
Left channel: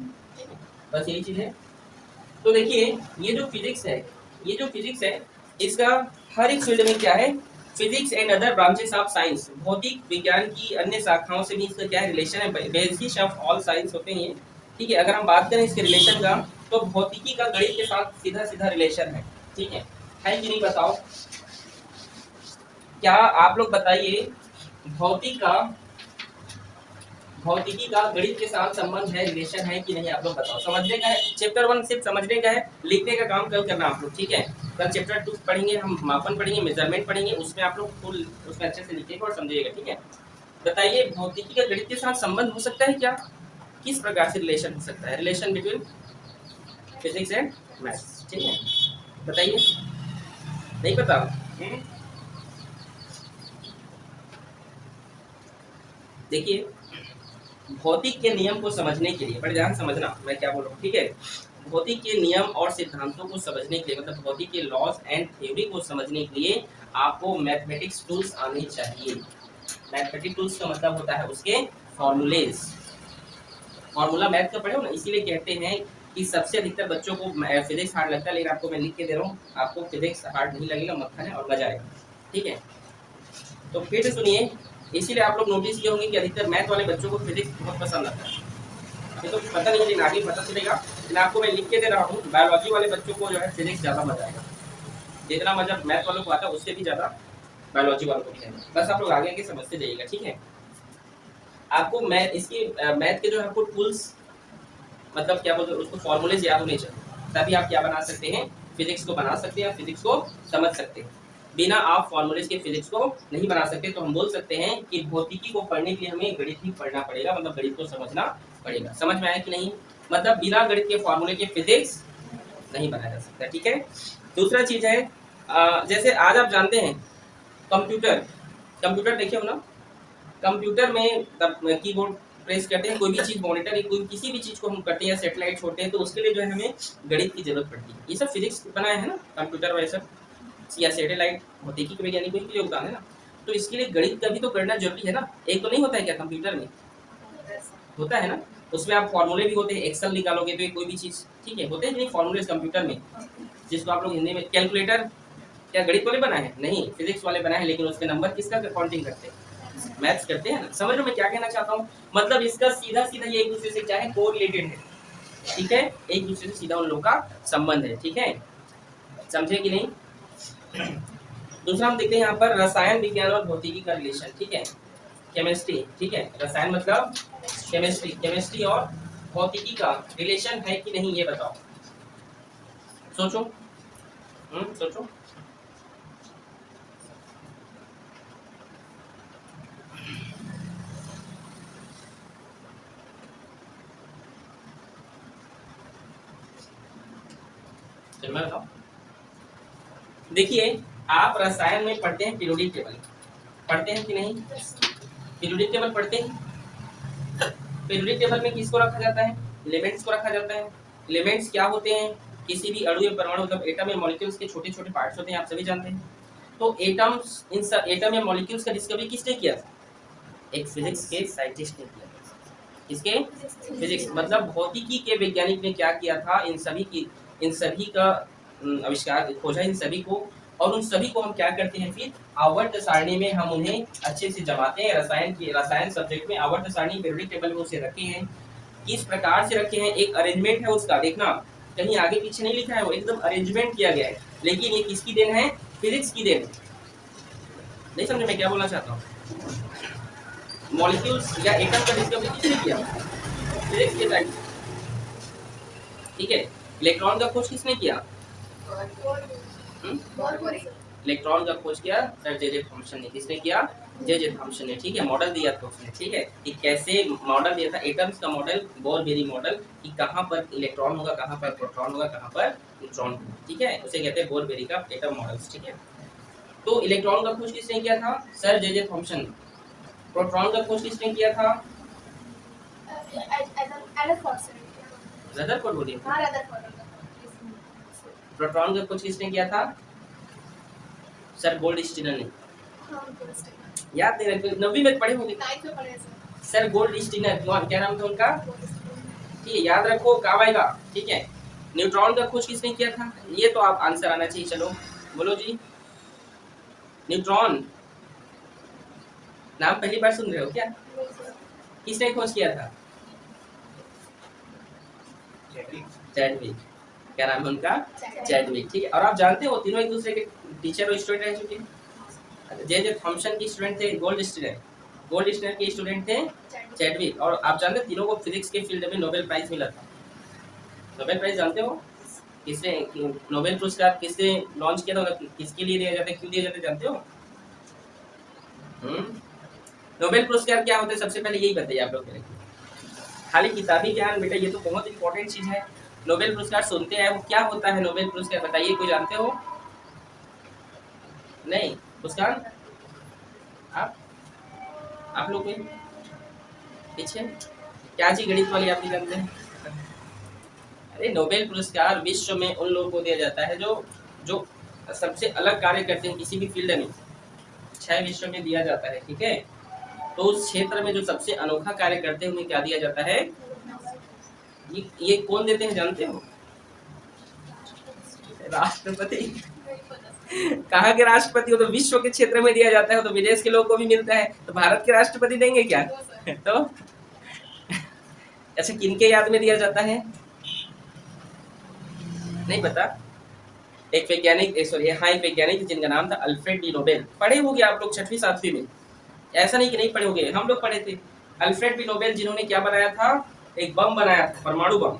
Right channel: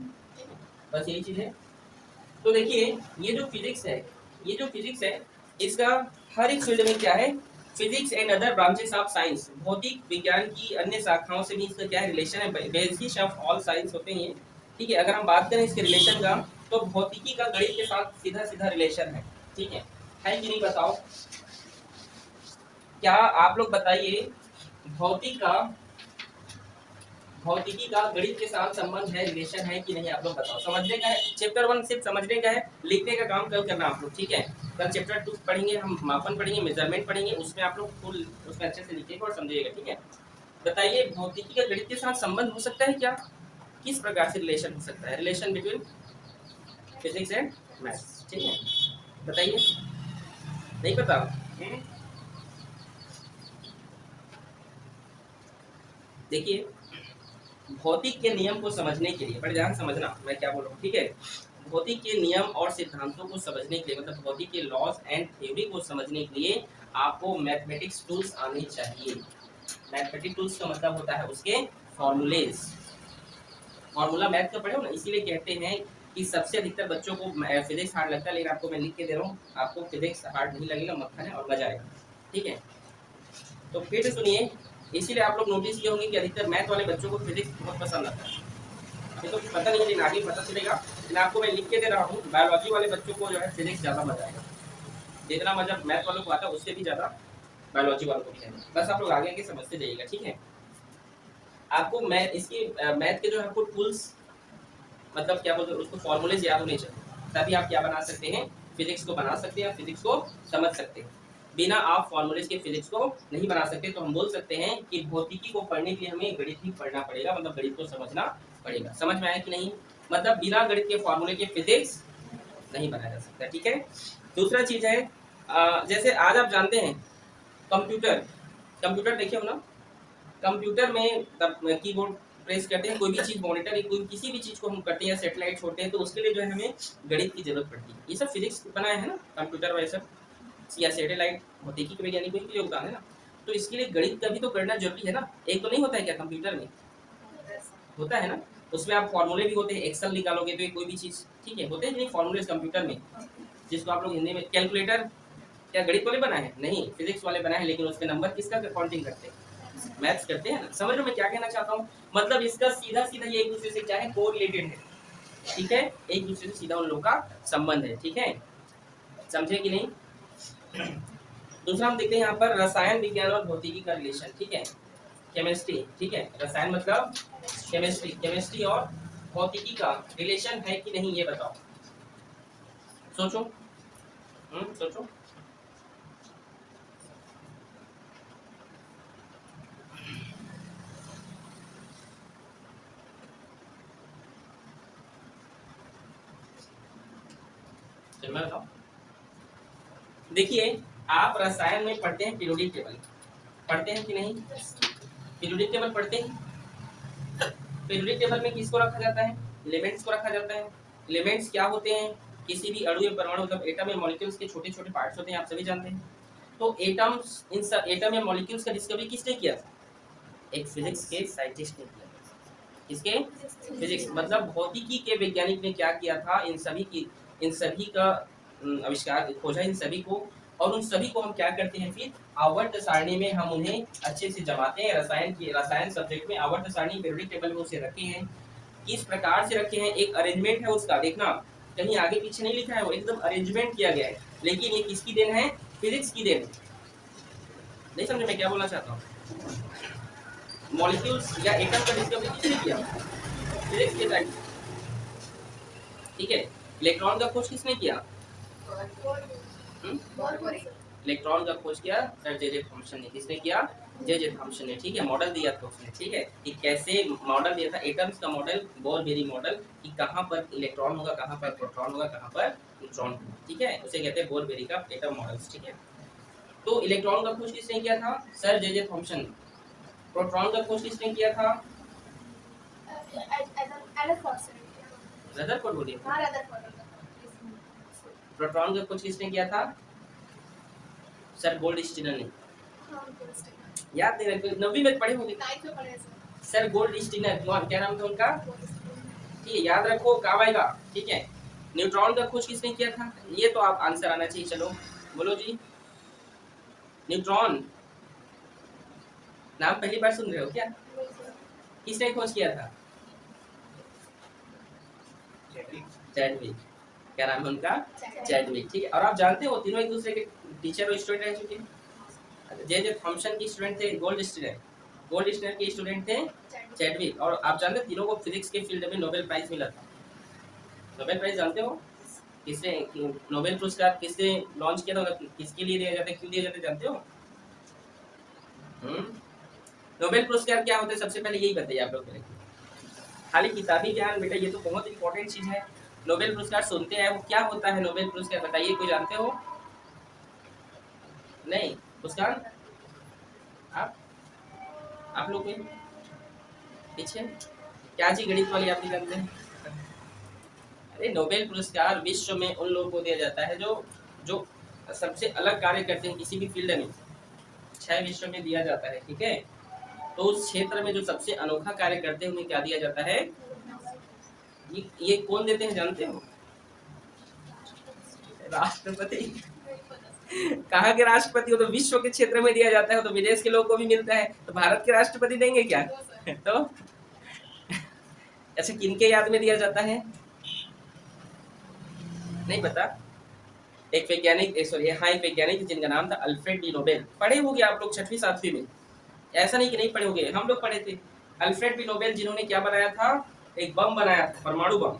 बस यही चीज है। तो देखिए ये जो फिजिक्स है इसका हर एक फील्ड में क्या है, physics and other branches of science, भौतिक विज्ञान की अन्य शाखाओं से भी इसका क्या है, रिलेशन है। बेसिस ऑफ ऑल साइंस होते हैं ये, ठीक है? अगर हम बात करें इसके रिलेशन का तो भौतिकी का गणित के साथ सीधा सीधा रिलेशन है, ठीक है कि नहीं? बताओ, क्या आप लोग बताइए, भौतिकी का गणित के साथ संबंध है, रिलेशन है कि नहीं? आप लोग बताओ। समझने का है, चैप्टर 1 सिर्फ समझने का है, लिखने का काम कल करना आप लोग, ठीक है? कल चैप्टर 2 पढ़ेंगे हम, मापन पढ़ेंगे, मेजरमेंट पढ़ेंगे, उसमें आप लोग फुल उसमें अच्छे से लिखिएगा और समझिएगा, ठीक है? बताइए भौतिकी का गणित के साथ संबंध हो सकता है क्या? किस प्रकार से रिलेशन हो सकता है, relation between physics and maths, ठीक है? बताइए, नहीं पता? देखिए भौतिक के नियम को समझने के लिए, बड़े ध्यान समझना मैं क्या बोल रहा हूँ, ठीक है? भौतिक के नियम और सिद्धांतों को समझने के लिए, मतलब भौतिक के लॉज एंड थ्योरी को समझने के लिए आपको मैथमेटिक्स टूल्स आने चाहिए। मैथमेटिक्स टूल्स का मतलब होता है उसके फॉर्मूलेज। फॉर्मूला मैथ का पढ़े हो ना, इसीलिए कहते हैं कि सबसे अधिकतर बच्चों को फिजिक्स हार्ड लगता है, लेकिन आपको मैं लिख के दे रहा हूँ, आपको फिजिक्स हार्ड नहीं लगेगा, मक्खन है और मजा आएगा, ठीक है? तो फिर से सुनिए, इसीलिए आप लोग नोटिस किए होंगे कि अधिकतर मैथ वाले बच्चों को फिजिक्स बहुत पसंद आता है। अभी तो पता नहीं, लेकिन आगे पता चलेगा। लेकिन आपको मैं लिख के दे रहा हूँ, बायोलॉजी वाले बच्चों को जो है फिजिक्स ज़्यादा मजा आएगा। जितना मजा मैथ वालों को आता है उससे भी ज़्यादा बायोलॉजी वालों को है। बस आप लोग आगे आगे समझते जाइएगा, ठीक है? आपको मैथ के जो आपको टूल्स, मतलब क्या बोलते हैं उसको, फॉर्मूलेज याद होने चाहिए, तभी आप क्या बना सकते हैं, फिजिक्स को बना सकते हैं, फिजिक्स को समझ सकते हैं। बिना आप फॉर्मूलेज के फिजिक्स को नहीं बना सकते। तो हम बोल सकते हैं कि भौतिकी को पढ़ने के लिए हमें गणित ही पढ़ना पड़ेगा, मतलब गणित को समझना पड़ेगा। समझ में आया कि नहीं? मतलब बिना गणित के फॉर्मूले के फिजिक्स नहीं बनाया जा सकता, ठीक है? दूसरा चीज है, जैसे आज आप जानते हैं कंप्यूटर देखे हो ना, कंप्यूटर में कीबोर्ड प्रेस करते हैं, कोई भी चीज मॉनिटर, कोई किसी भी चीज को हम करते हैं, सैटेलाइट छोड़ते हैं, तो उसके लिए जो है हमें गणित की जरूरत पड़ती है। ये सब फिजिक्स बनाया है ना, कंप्यूटर वाले सब या सैटेलाइट, भौतिकी के वैज्ञानिक के लिए योगदान है ना, तो इसके लिए गणित का भी तो करना जरूरी है ना। एक तो नहीं होता है क्या कंप्यूटर में? होता है ना, उसमें आप फॉर्मूले भी होते हैं, एक्सेल निकालोगे तो कोई भी चीज, ठीक है, होते हैं नहीं फॉर्मूले कंप्यूटर में, जिसको आप लोग हिंदी में कैलकुलेटर, क्या गणित वाले बनाए हैं? नहीं, फिजिक्स वाले बनाए हैं, लेकिन उसके नंबर किसका काउंटिंग करते हैं? मैथ्स करते हैं ना। समझ लो मैं क्या कहना चाहता हूँ, मतलब इसका सीधा सीधा ये एक दूसरे से क्या है, कोरिलेटेड है। ठीक है, एक दूसरे से सीधा उन लोगों का संबंध है, ठीक है, समझे कि नहीं। दूसरा हम देखते हैं यहाँ पर रसायन विज्ञान और भौतिकी का रिलेशन, ठीक है, केमिस्ट्री, ठीक है, रसायन मतलब केमिस्ट्री, केमिस्ट्री और भौतिकी का रिलेशन है कि नहीं ये बताओ, सोचो, सोचो। मैं बताओ, देखिए आप रसायन में पढ़ते हैं पीरियोडिक टेबल, पढ़ते हैं कि नहीं, पीरियोडिक टेबल पढ़ते हैं। पीरियोडिक टेबल में किसको रखा जाता है, एलिमेंट्स को रखा जाता है। एलिमेंट्स क्या होते हैं, किसी भी अणु या परमाणु मतलब एटम या मॉलिक्यूल्स के छोटे छोटे पार्ट्स होते हैं, आप सभी जानते हैं। तो एटम्स, इन सब एटम या मॉलिक्यूल्स का डिस्कवरी किसने किया था, एक फिजिक्स के साइंटिस्ट ने किया था। किसके, फिजिक्स मतलब भौतिकी के वैज्ञानिक ने क्या किया था, इन सभी का आविष्कार खोजा, इन सभी को, और उन सभी को हम क्या करते हैं फिर आवर्त सारणी में हम उन्हें अच्छे से जमाते हैं। रसायन सब्जेक्ट में आवर्त सारणी पीरियोडिक टेबल में उसे रखे हैं, किस प्रकार से रखे हैं, एक अरेंजमेंट है उसका, देखना कहीं आगे पीछे नहीं लिखा है, वो एकदम अरेंजमेंट किया गया है। लेकिन ये किसकी देन है, फिजिक्स की देन। नहीं समझे मैं क्या बोलना चाहता हूँ, मॉलिक्यूल्स या एटम का डिस्कवरी किसने किया, फिजिक्स के साइड, ठीक है। इलेक्ट्रॉन का खोज किसने किया, इलेक्ट्रॉन का खोज किया सर जे थॉमसन ने, किसने किया, जे थॉमसन ने, ठीक है। मॉडल दिया था उसने, ठीक है, कि कैसे मॉडल दिया था एटम्स का मॉडल, बोर-बेरी मॉडल, कि कहाँ पर इलेक्ट्रॉन होगा, कहाँ पर प्रोटॉन होगा, कहाँ पर न्यूट्रॉन होगा, ठीक है, उसे कहते हैं बोर-बेरी का एटम मॉडल्स, ठीक है। तो इलेक्ट्रॉन का खोज किसने किया था, सर जे थॉमसन। प्रोटॉन का खोज किसने किया था, रदरफोर्ड बोलिए। प्रोटॉन का खोज किसने किया था, सर गोल्डस्टीनर ने। याद नहीं रखते, 9वीं में पढ़े होंगे, सर गोल्डस्टीनर, क्या नाम था उनका, ठीक है, याद रखो काम आएगा, ठीक है। न्यूट्रॉन का खोज किसने किया था, ये तो आप आंसर आना चाहिए, चलो बोलो जी। न्यूट्रॉन नाम पहली बार सुन रहे हो क्या, किसने खोज किया था, चैडविक, क्या नाम है उनका, चैडविक, ठीक है। और आप जानते हो तीनों एक दूसरे के टीचर और स्टूडेंट रह चुके हैं। जे थॉमसन के स्टूडेंट थे गोल्डस्टीनर के स्टूडेंट थे चैडविक, और आप जानते हैं तीनों को फिजिक्स के फील्ड में नोबेल प्राइज मिला था। नोबेल प्राइज जानते हो किसने, नोबेल पुरस्कार किसने लॉन्च किया था, किसके लिए दिया जाता है, क्यों दिया जाता है, जानते हो। नोबेल पुरस्कार क्या होता है, सबसे पहले यही बताइए आप लोग के लिए, खाली किताबी ज्ञान बेटा ये तो बहुत इंपॉर्टेंट चीज है। नोबेल पुरस्कार सुनते हैं, वो क्या होता है नोबेल पुरस्कार, बताइए, कोई जानते हो, नहीं पुरस्कार, आप लोग कोई पीछे, क्या चीज गणित वाली आप नहीं जानते हैं। अरे नोबेल पुरस्कार विश्व में उन लोगों को दिया जाता है जो जो सबसे अलग कार्य करते हैं किसी भी फील्ड में, 6 विश्व में दिया जाता है, ठीक है। तो उस क्षेत्र में जो सबसे अनोखा कार्य करते हैं उन्हें क्या दिया जाता है, ये कौन देते हैं जानते हो, राष्ट्रपति। कहाँ के राष्ट्रपति हो, तो विश्व के क्षेत्र में दिया जाता है, तो विदेश के लोगों को भी मिलता है, तो भारत के राष्ट्रपति देंगे क्या तो अच्छा किनके याद में दिया जाता है, नहीं पता। एक वैज्ञानिक, एक वैज्ञानिक जिनका नाम था अल्फ्रेड डी नोबेल, पढ़े होंगे आप लोग 6वीं 7वीं में, ऐसा नहीं कि नहीं पढ़े होंगे, हम लोग पढ़े थे। अल्फ्रेड डी नोबेल जिन्होंने क्या बनाया था, एक बम बनाया था, परमाणु बम।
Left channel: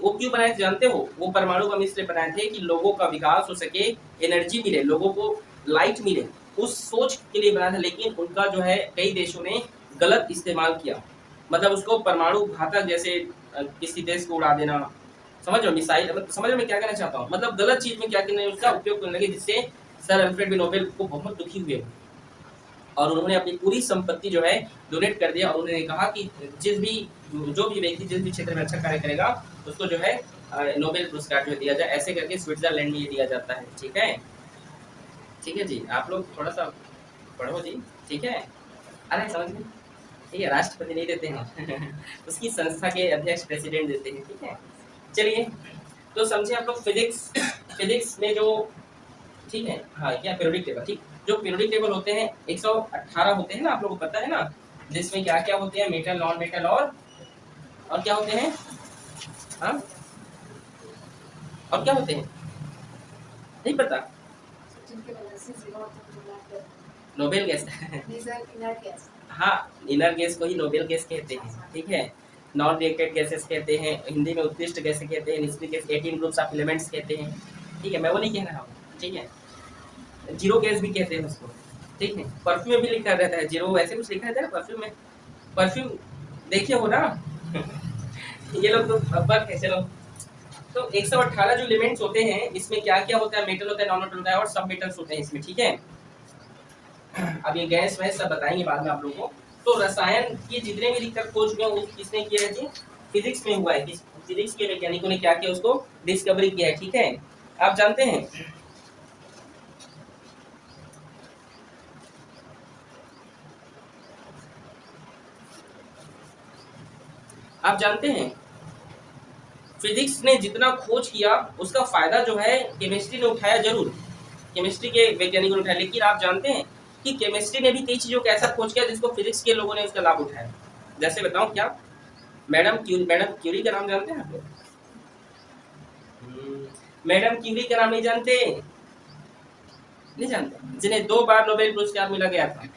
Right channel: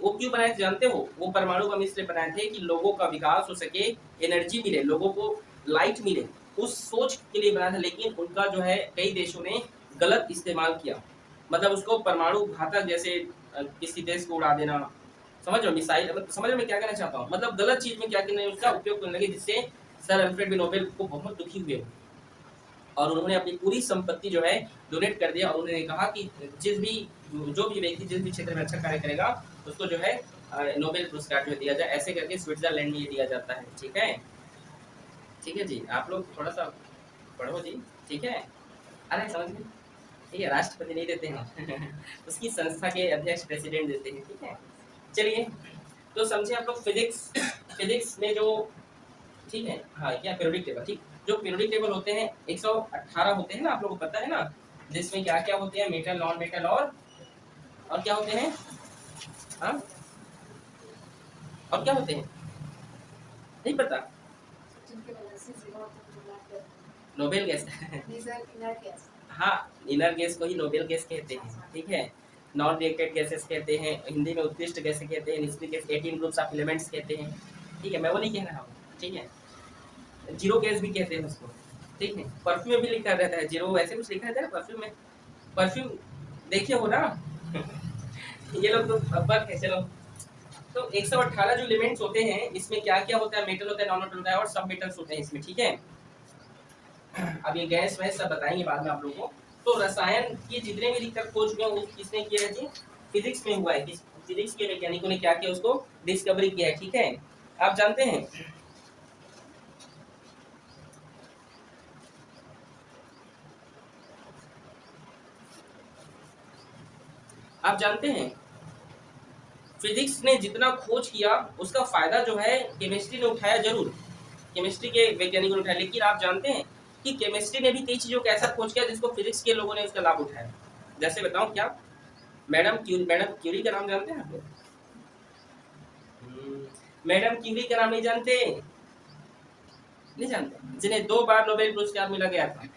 वो क्यों बनाए जानते हो, वो परमाणु बम इसलिए बनाए थे कि लोगों का विकास हो सके, एनर्जी मिले, लोगों को लाइट मिले, उस सोच के लिए बनाया था। लेकिन उनका जो है कई देशों ने गलत इस्तेमाल किया, मतलब उसको परमाणु घातक, जैसे किसी देश को उड़ा देना, समझ लो मिसाइल, समझ में क्या कहना चाहता हूँ, मतलब गलत चीज में क्या करने उसका उपयोग करने लगे, जिससे सर अल्फ्रेड डी नोबेल को बहुत दुखी हुए और उन्होंने अपनी पूरी संपत्ति जो है डोनेट कर दिया, और उन्होंने कहा कि जो भी व्यक्ति जिस भी क्षेत्र में अच्छा कार्य करेगा उसको जो है नोबेल पुरस्कार जो दिया जाए, ऐसे करके स्विट्जरलैंड में ये दिया जाता है, ठीक है। ठीक है जी, आप लोग थोड़ा सा पढ़ो जी, ठीक है। अरे समझ में, ठीक है, राष्ट्रपति नहीं देते हैं उसकी संस्था के अध्यक्ष प्रेसिडेंट देते हैं, ठीक है। चलिए तो समझे आप लोग, फिजिक्स में जो, ठीक है, हाँ क्या पीरियोडिक टेबल, ठीक, जो पीरियोडिक टेबल होते हैं 118 होते हैं ना, आप लोगों को पता है ना, जिसमें क्या क्या होते हैं, मेटल, नॉन मेटल और क्या होते हैं, हाँ, और क्या होते हैं नहीं पता। जिनके वैलेंसी 0 होता है वो ब्लैक है। Noble gas These are inert gas. हाँ, इनर गैस को ही नोबेल गैस कहते हैं, ठीक है। नॉन रिएक्टेड गैसेस कहते हैं, हिंदी में उत्कृष्ट गैसें कहते हैं, निष्क्रिय गैस 18 ग्रुप्स ऑफ एलिमेंट्स कहते हैं, ठीक है। मैं वो नहीं कह रहा हूँ, ठीक है। जीरो गैस भी कहते हैं उसको, ठीक है। परफ्यूम में भी लिखा रहता है जीरो, ऐसे कुछ लिखा रहता है ना परफ्यूम में। परफ्यूम देखे हो ना ये लोग तो बक है। चलो, तो 118 जो एलिमेंट्स होते हैं इसमें क्या क्या होता है, मेटल होता है, नॉन मेटल होता है और सब मेटल्स होते हैं इसमें, ठीक है। अब ये गैस वैस सब बताएंगे बाद में आप लोगों को। तो रसायन के जितने भी दिक्कत खोज हुए वो किसने किया है जी, फिजिक्स में हुआ है। फिजिक्स के वैज्ञानिकों ने क्या किया, उसको डिस्कवरी किया है, ठीक है। आप जानते हैं आप जानते हैं फिजिक्स ने जितना खोज किया उसका फायदा जो है केमिस्ट्री ने उठाया जरूर, केमिस्ट्री के वैज्ञानिकों ने उठाया, लेकिन आप जानते हैं कि केमिस्ट्री ने भी कई चीजों का ऐसा खोज किया जिसको फिजिक्स के लोगों ने उसका लाभ उठाया। जैसे बताऊं क्या, मैडम क्यूरी का नाम जानते हैं आप लोग? मैडम क्यूरी का नाम नहीं जानते? नहीं जानते, जिन्हें 2 बार नोबेल पुरस्कार मिला गया था,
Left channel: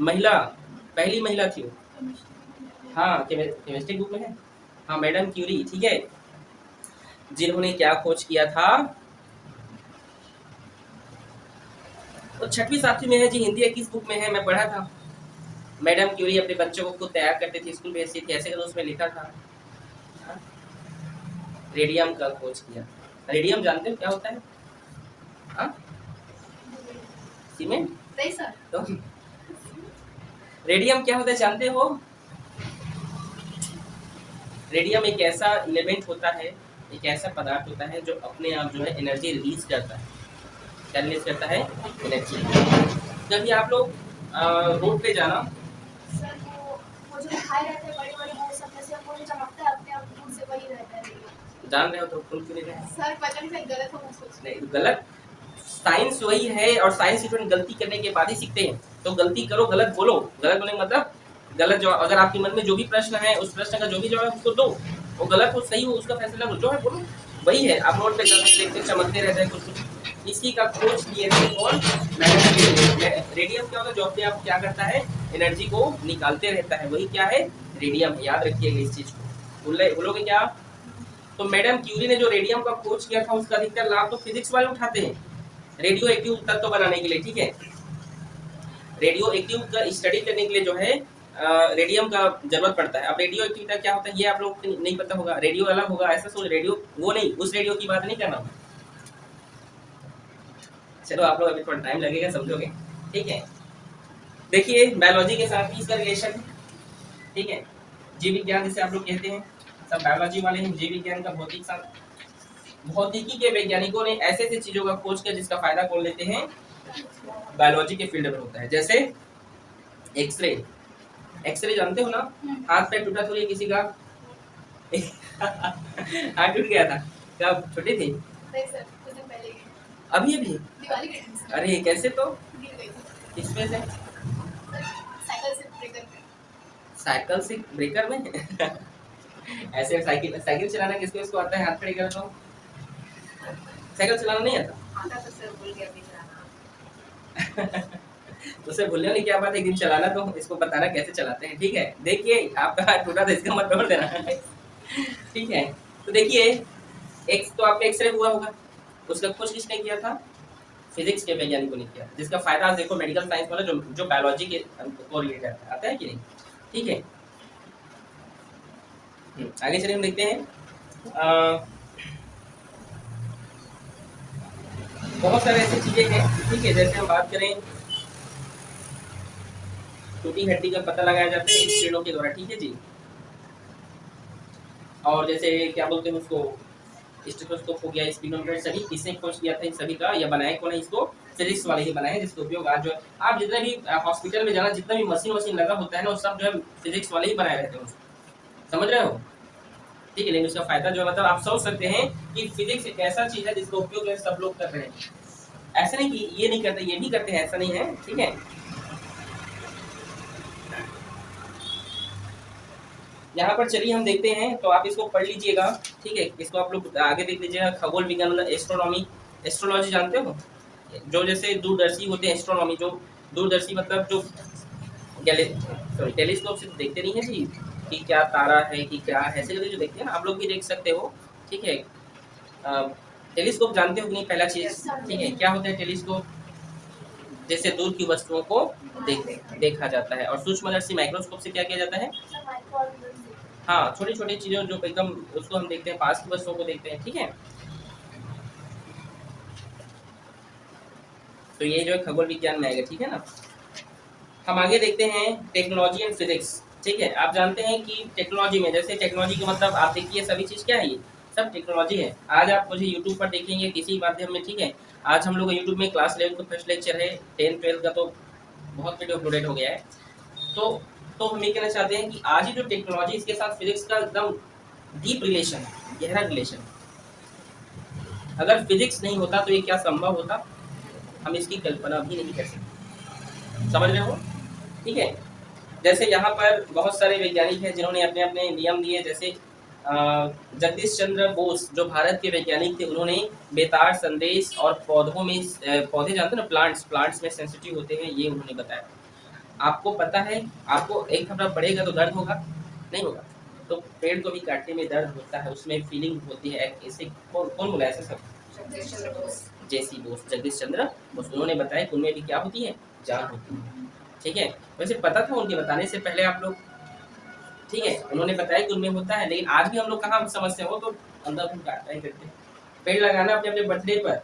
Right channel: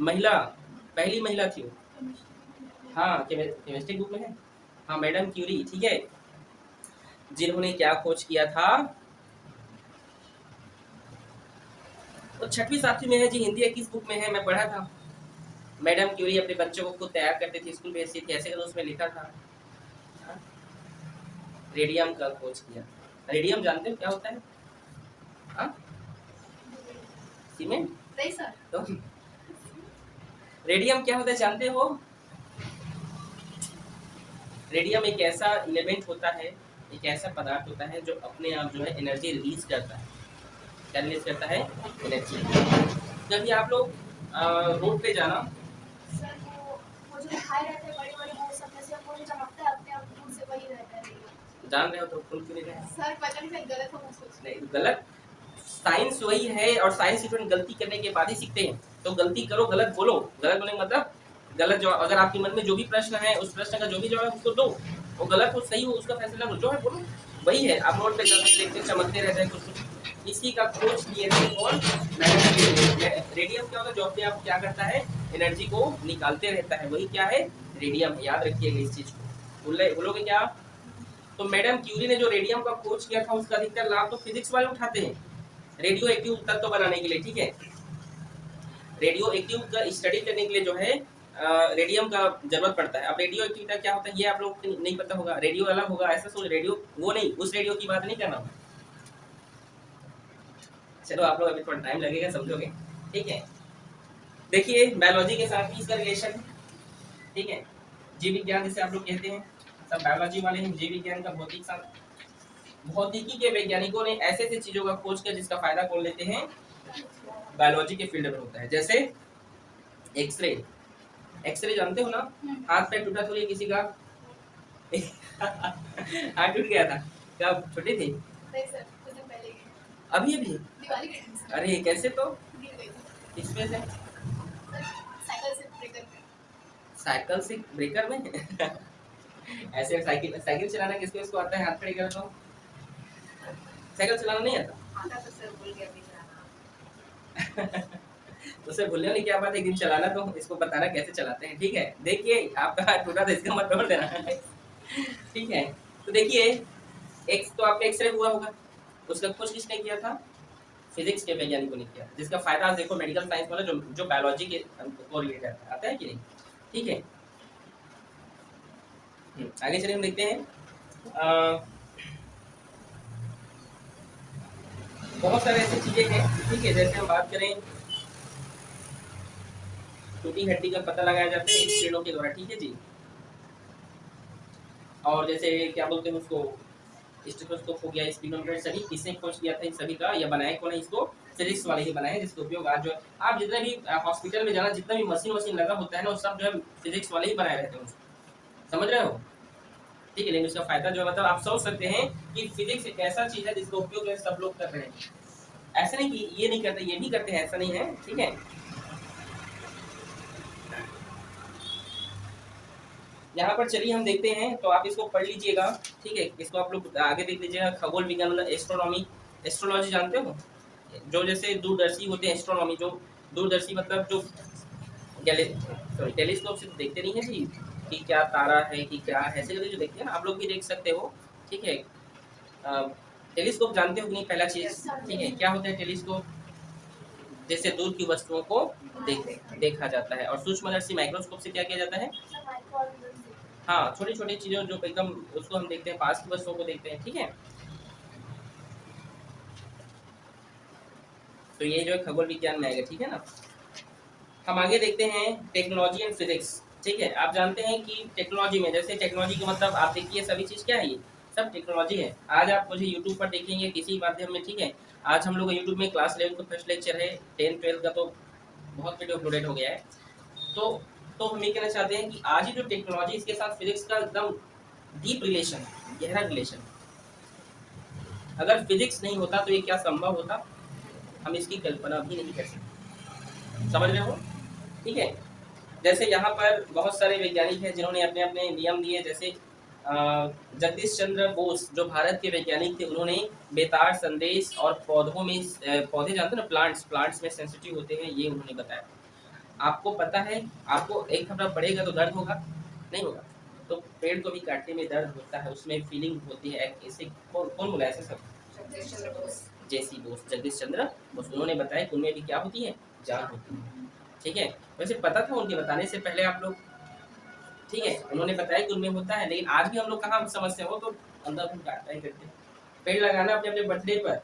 महिला, पहली महिला थी वो। हाँ, केमिस्ट्री बुक में है। हाँ, मैडम क्यूरी, ठीक है, जिन्होंने क्या खोज किया था, तो 6वीं 7वीं में है जी, हिंदी 21 बुक में है, मैं पढ़ा था। मैडम क्यूरी अपने बच्चों को खुद तैयार करती थी, स्कूल भेजती थी, ऐसे उसमें लिखा था। रेडियम का खोज किया। रेडियम जानते हो क्या होता है? हाँ, सीमेंट। नहीं सर. तो रेडियम क्या होता है जानते हो? रेडियम एक ऐसा एलिमेंट होता है, एक ऐसा पदार्थ होता है जो अपने आप जो है एनर्जी रिलीज करता है। क्या रिलीज करता है? एनर्जी। जब भी आप लोग रोड पे जाना, सर वो जो दिखाई रहते हैं बड़े-बड़े वो सब में से वो जो चमकता है अपने आप खुद से वही रहता है. जान रहे हो तो फुल क्यों नहीं रहे? सर पता नहीं सर गलत हो मैं सोच नहीं, गलत। साइंस वही है, और साइंस स्टूडेंट गलती करने के बाद ही सीखते हैं। तो गलती करो, गलत बोलो, गलत बोलने का मतलब गलत जो, अगर आपके मन में जो भी प्रश्न है उस प्रश्न का जो भी जवाब है उसको दो, वो गलत हो सही हो उसका फैसला लो, जो है बोलो। वही है, आप रोड पे देखते चमकते रहते हैं कुछ कुछ, इसी का खोज किए थे कौन? रेडियम क्या होता है, जो अपने आप क्या करता है, एनर्जी को निकालते रहता है, वही क्या है, रेडियम। याद रखिएगा इस चीज को, बोलोगे क्या? तो मैडम क्यूरी ने जो रेडियम का खोज किया था उसका अधिकतर लाभ तो फिजिक्स वाले उठाते हैं, रेडियो एक्टिव तत्व बनाने के लिए, ठीक है। रेडियो एक्टिव का स्टडी करने के लिए जो है रेडियम का जरूरत पड़ता है। अब रेडियो एक्टिविटी क्या होता है ये आप लोग को नहीं पता होगा, रेडियो अलग होगा ऐसा सोच, रेडियो वो नहीं, उस रेडियो की बात नहीं कर रहा हूँ। चलो आप लोग अभी थोड़ा टाइम लगेगा, समझोगे, ठीक है। देखिए बायोलॉजी के साथ ही इसका रिलेशन है, ठीक है। जीव विज्ञान जिसे आप लोग कहते हैं, सब बायोलॉजी वाले हैं। जीव विज्ञान का भौतिक शास्त्र, भौतिकी के वैज्ञानिकों ने ऐसे ऐसे चीजों का खोज किया जिसका फायदा कौन लेते हैं, बायोलॉजी के फील्ड में होता है। जैसे एक्सरे, एक्सरे जानते हो ना, हाथ पैर टूटा थोड़ी किसी का हाथ टूट गया था, क्या छोटी थी? नहीं सर कुछ दिन पहले अभी अभी? दिवाली के टाइम सर अरे कैसे? तो गिर गई थी किसमें से? साइकिल से ब्रेकर पे. साइकिल से ब्रेकर में ऐसे साइकिल साइकिल चलाना किसको इसको आता है, हाथ खड़े करो तो? साइकिल चलाना नहीं आता? आता तो सर भूल गया अभी चलाना. उसे भूलने वाली क्या बात है, एक दिन चलाना तो इसको बताना कैसे चलाते हैं, ठीक है। देखिए आपका हाथ टूटा था इसका मत तोड़ देना ठीक है। तो देखिए एक तो आपका एक्सरे हुआ होगा, उसका खोज किसने किया था, फिजिक्स के वैज्ञानिकों ने किया, जिसका फायदा आप देखो मेडिकल साइंस वाला जो बायोलॉजी के को रिलेटेड आता है कि नहीं, ठीक है। आगे चलिए हम देखते हैं बहुत सारे ऐसी चीजें हैं, ठीक है। जैसे हम बात करें टूटी हड्डी का पता लगाया जाता है स्क्रीनों के द्वारा, ठीक है जी। और जैसे क्या बोलते हैं उसको, स्टेथोस्कोप हो गया, स्पिनोमीटर, सभी किसने खोज किया था इन सभी का, या बनाया कौन है इसको, फिजिक्स वाले ही बनाए हैं, जिसका उपयोग आज जो आप जितने भी हॉस्पिटल में जाना जितना भी मशीन वशीन लगा होता है ना, वो सब जो है फिजिक्स वाले ही बनाए रहते हैं उसको, समझ रहे हो, ठीक है। लेकिन उसका फायदा जो मतलब आप सोच सकते हैं कि फिजिक्स एक ऐसा चीज है जिसका उपयोग जो है सब लोग कर रहे हैं, ऐसा नहीं कि ये नहीं करते, ये भी करते हैं, ऐसा नहीं है, ठीक है। यहाँ पर चलिए हम देखते हैं, तो आप इसको पढ़ लीजिएगा, ठीक है। इसको आप लोग आगे देख लीजिएगा। खगोल विज्ञान मतलब एस्ट्रोनॉमी, एस्ट्रोलॉजी जानते हो, जो जैसे दूरदर्शी होते हैं। एस्ट्रोनॉमी जो दूरदर्शी मतलब जो सॉरी टेलीस्कोप से देखते नहीं है जी कि क्या तारा है कि क्या है, ऐसे करके जो देखते हैं ना, आप लोग भी देख सकते हो, ठीक है। टेलीस्कोप जानते हो कि नहीं, पहला चीज, ठीक है। क्या होता है टेलीस्कोप, जैसे दूर की वस्तुओं को देखा जाता है। और सूक्ष्मदर्शी माइक्रोस्कोप से क्या किया जाता है, हाँ, छोटी छोटी चीजों जो एकदम उसको हम देखते हैं, पास की वस्तुओं को देखते हैं, ठीक है। तो ये जो है खगोल विज्ञान में आएगा, ठीक है ना। हम आगे देखते हैं टेक्नोलॉजी एंड फिजिक्स, ठीक है। आप जानते हैं कि टेक्नोलॉजी में, जैसे टेक्नोलॉजी का मतलब आप देखिए सभी चीज़ क्या है, ये सब टेक्नोलॉजी है। आज आप मुझे यूट्यूब पर देखेंगे किसी माध्यम में, ठीक है। आज हम लोग यूट्यूब में क्लास 11 का फर्स्ट लेक्चर है, 10 12 का तो बहुत वीडियो अपलोडेड हो गया है। तो हम ये कहना चाहते हैं कि आज ही जो टेक्नोलॉजी, इसके साथ फिजिक्स का एकदम डीप रिलेशन, गहरा रिलेशन। अगर फिजिक्स नहीं होता तो ये क्या संभव होता, हम इसकी कल्पना भी नहीं कर सकते, समझ रहे हो, ठीक है। जैसे यहाँ पर बहुत सारे वैज्ञानिक हैं जिन्होंने अपने अपने नियम दिए। जैसे जगदीश चंद्र बोस जो भारत के वैज्ञानिक थे, उन्होंने बेतार संदेश और पौधों में पौधे जानते हैं ना, प्लांट्स में सेंसिटिव होते हैं, ये उन्होंने बताया। आपको पता है, आपको एक हफ्ता बढ़ेगा तो दर्द होगा, नहीं होगा, तो पेड़ को भी काटने में दर्द होता है, उसमें फीलिंग होती है। ऐसे कौन बोला ऐसा सब, जेसी बोस, जगदीश चंद्र बोस, उन्होंने बताया कि उनमें भी क्या होती है, जान होती है, ठीक है। वैसे पता था उनके बताने से पहले आप लोग, ठीक है, उन्होंने बताया कि उनमें होता है। लेकिन आज भी हम लोग कहाँ समझते हो, तो अंदर हम काटना ही करते हैं। पेड़ लगाना अपने अपने बर्थडे पर,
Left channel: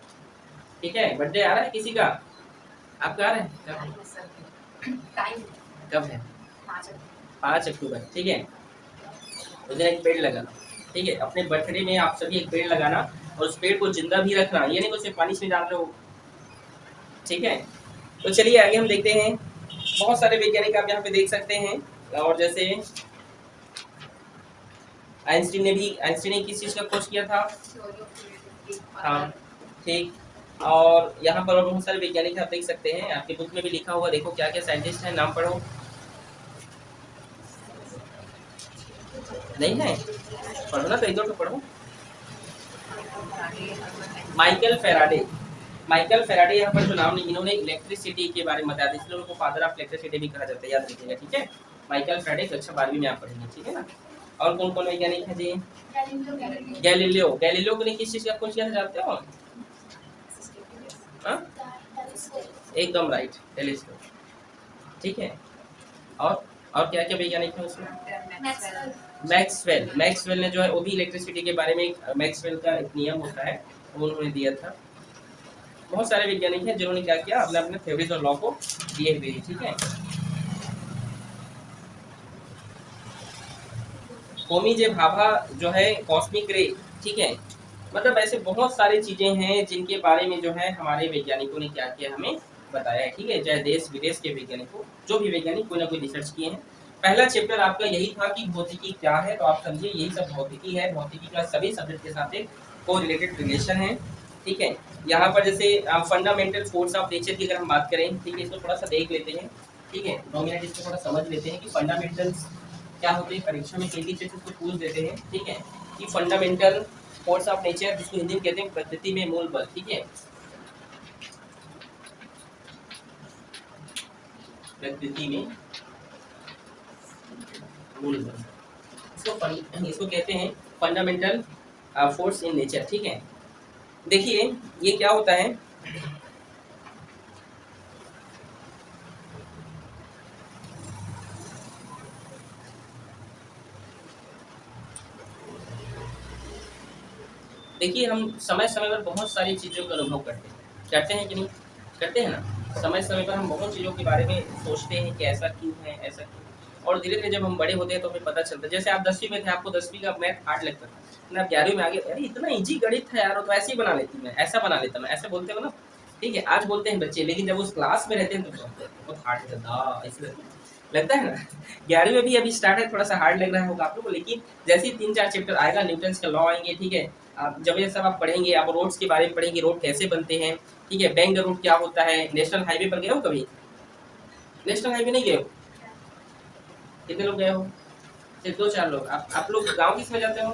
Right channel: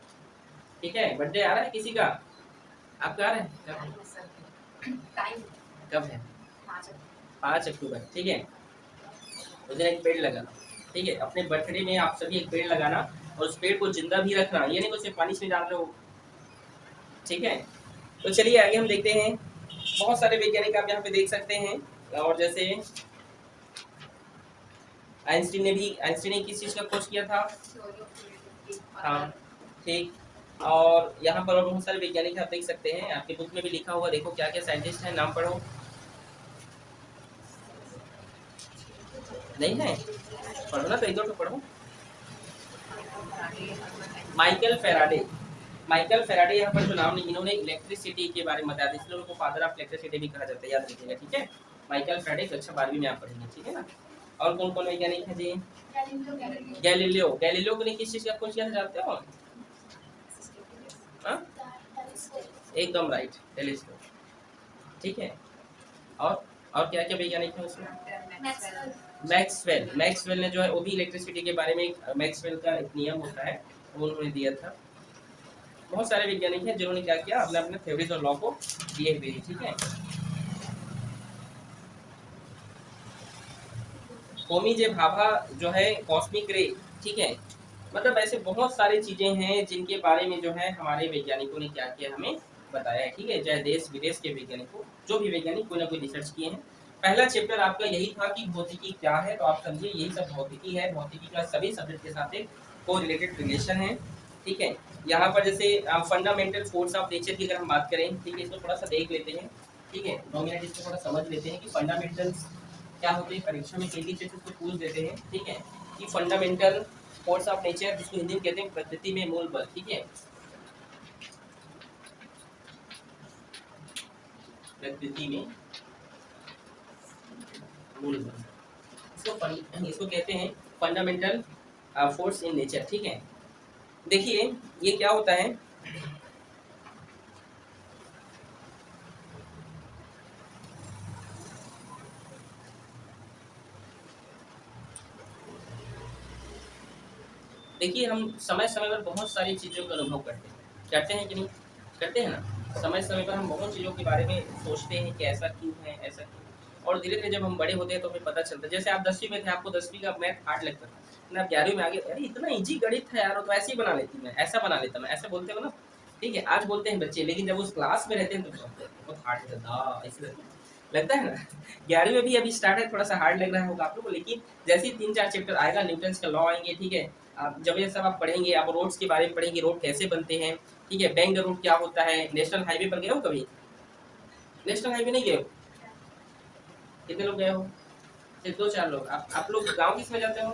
ठीक है। बर्थडे आ रहा है किसी का, आपका आ रहा है कब है, 5 अक्टूबर, ठीक है। उस दिन एक पेड़ लगाना, ठीक है। अपने बर्थडे में आप सभी एक पेड़ लगाना, और उस पेड़ को जिंदा भी रखना, ये नहीं उसे पानी में डाल रहे हो, ठीक है। तो चलिए आगे हम देखते हैं। बहुत सारे वैज्ञानिक आप यहाँ पे देख सकते हैं। और जैसे आइंस्टीन ने किस चीज़ का खोज किया था, हाँ, ठीक। और यहाँ पर और बहुत सारे वैज्ञानिक आप देख सकते हैं, आपकी बुक में भी लिखा हुआ, देखो क्या क्या साइंटिस्ट हैं, नाम पढ़ो। नहीं है, पढ़ो ना, तो एक दो तो पढ़ो। माइकल फेराडे, माइकल फेराडे यहाँ पर जो नाम, इन्होंने इलेक्ट्रिसिटी के बारे में बताया, इसलिए उनको फादर ऑफ इलेक्ट्रिसिटी भी कहा जाता है, याद रखिएगा, ठीक है। माइकल फेराडे कक्षा 12वीं में आप पढ़ेंगे, ठीक है ना। और कौन कौन वैज्ञानिक हैं जी, गैलीलियो ने किस चीज़ का खोज किया था जानते हो, हाँ, एकदम राइट, टेलीस्कोप, ठीक है। और क्या क्या वैज्ञानिक हैं उसमें, मैक्सवेल ने जो है वो भी इलेक्ट्रिसिटी के बारे में, मैक्सवेल का एक नियम होता है वो उन्होंने दिया था। बहुत सारे वैज्ञानिक हैं जिन्होंने क्या किया, अपने अपने थ्योरीज और लॉ को दिए हुए, ठीक है। होमी जे भाभा जो है कॉस्मिक रे, ठीक है। मतलब ऐसे बहुत सारी चीजें हैं जिनके बारे में जो है हमारे वैज्ञानिकों ने क्या किया, हमें बताया है, ठीक है। चाहे देश विदेश के वैज्ञानिकों, जो भी वैज्ञानिक कोई ना कोई रिसर्च किए हैं। पहला चैप्टर आपका यही था कि भौतिकी क्या है, तो आप समझिए यही सब भौतिकी है। भौतिकी का सभी सब्जेक्ट के साथ एक को रिलेटेड रिलेशन है, ठीक है। यहाँ पर जैसे फंडामेंटल फोर्स ऑफ नेचर की अगर हम बात करें, ठीक है, इसको थोड़ा सा देख लेते हैं, ठीक है। 2 मिनट इसको थोड़ा समझ लेते हैं कि फंडामेंटल्स क्या होते हैं। परीक्षा में कई चीज़ इसको पूछ देते हैं, ठीक है, कि फंडामेंटल फोर्स ऑफ नेचर, जिसको हिंदी में कहते हैं प्रकृति में मूल बल, ठीक है, प्रकृति में मूल बल, इसको कहते हैं फंडामेंटल फोर्स इन नेचर, ठीक है। देखिए ये क्या होता है, देखिए हम समय समय पर बहुत सारी चीज़ों का अनुभव करते हैं कि नहीं, करते हैं ना। समय समय पर हम बहुत चीज़ों के बारे में सोचते हैं कि ऐसा क्यों है, ऐसा क्यों। और धीरे धीरे जब हम बड़े होते हैं तो हमें पता चलता है। जैसे आप 10वीं में थे, आपको 10वीं का मैथ हार्ड लगता था, ना, आप 11वीं में आ गए, अरे इतना ईजी गणित था यार, तो ऐसे ही बना लेती, मैं ऐसा बना लेता, मैं ऐसे बोलते हो ना, ठीक है। आज बोलते हैं बच्चे, लेकिन जब उस क्लास में रहते हैं तो बहुत हार्ड लगता है ना। 11वीं में भी अभी स्टार्ट है, थोड़ा सा हार्ड लग रहा होगा आप लोग को, लेकिन जैसे ही 3-4 चैप्टर आएगा, न्यूटन्स का लॉ आएंगे, ठीक है। आप जब ये सब आप पढ़ेंगे, आप रोड्स के बारे में पढ़ेंगे, रोड कैसे बनते हैं, ठीक है। बैंक रोड क्या होता है, नेशनल हाईवे पर गए हो कभी, नेशनल हाईवे नहीं गए हो, कितने लोग गए हो, सिर्फ 2-4 लोग। आप लोग गाँव किस में जाते हो?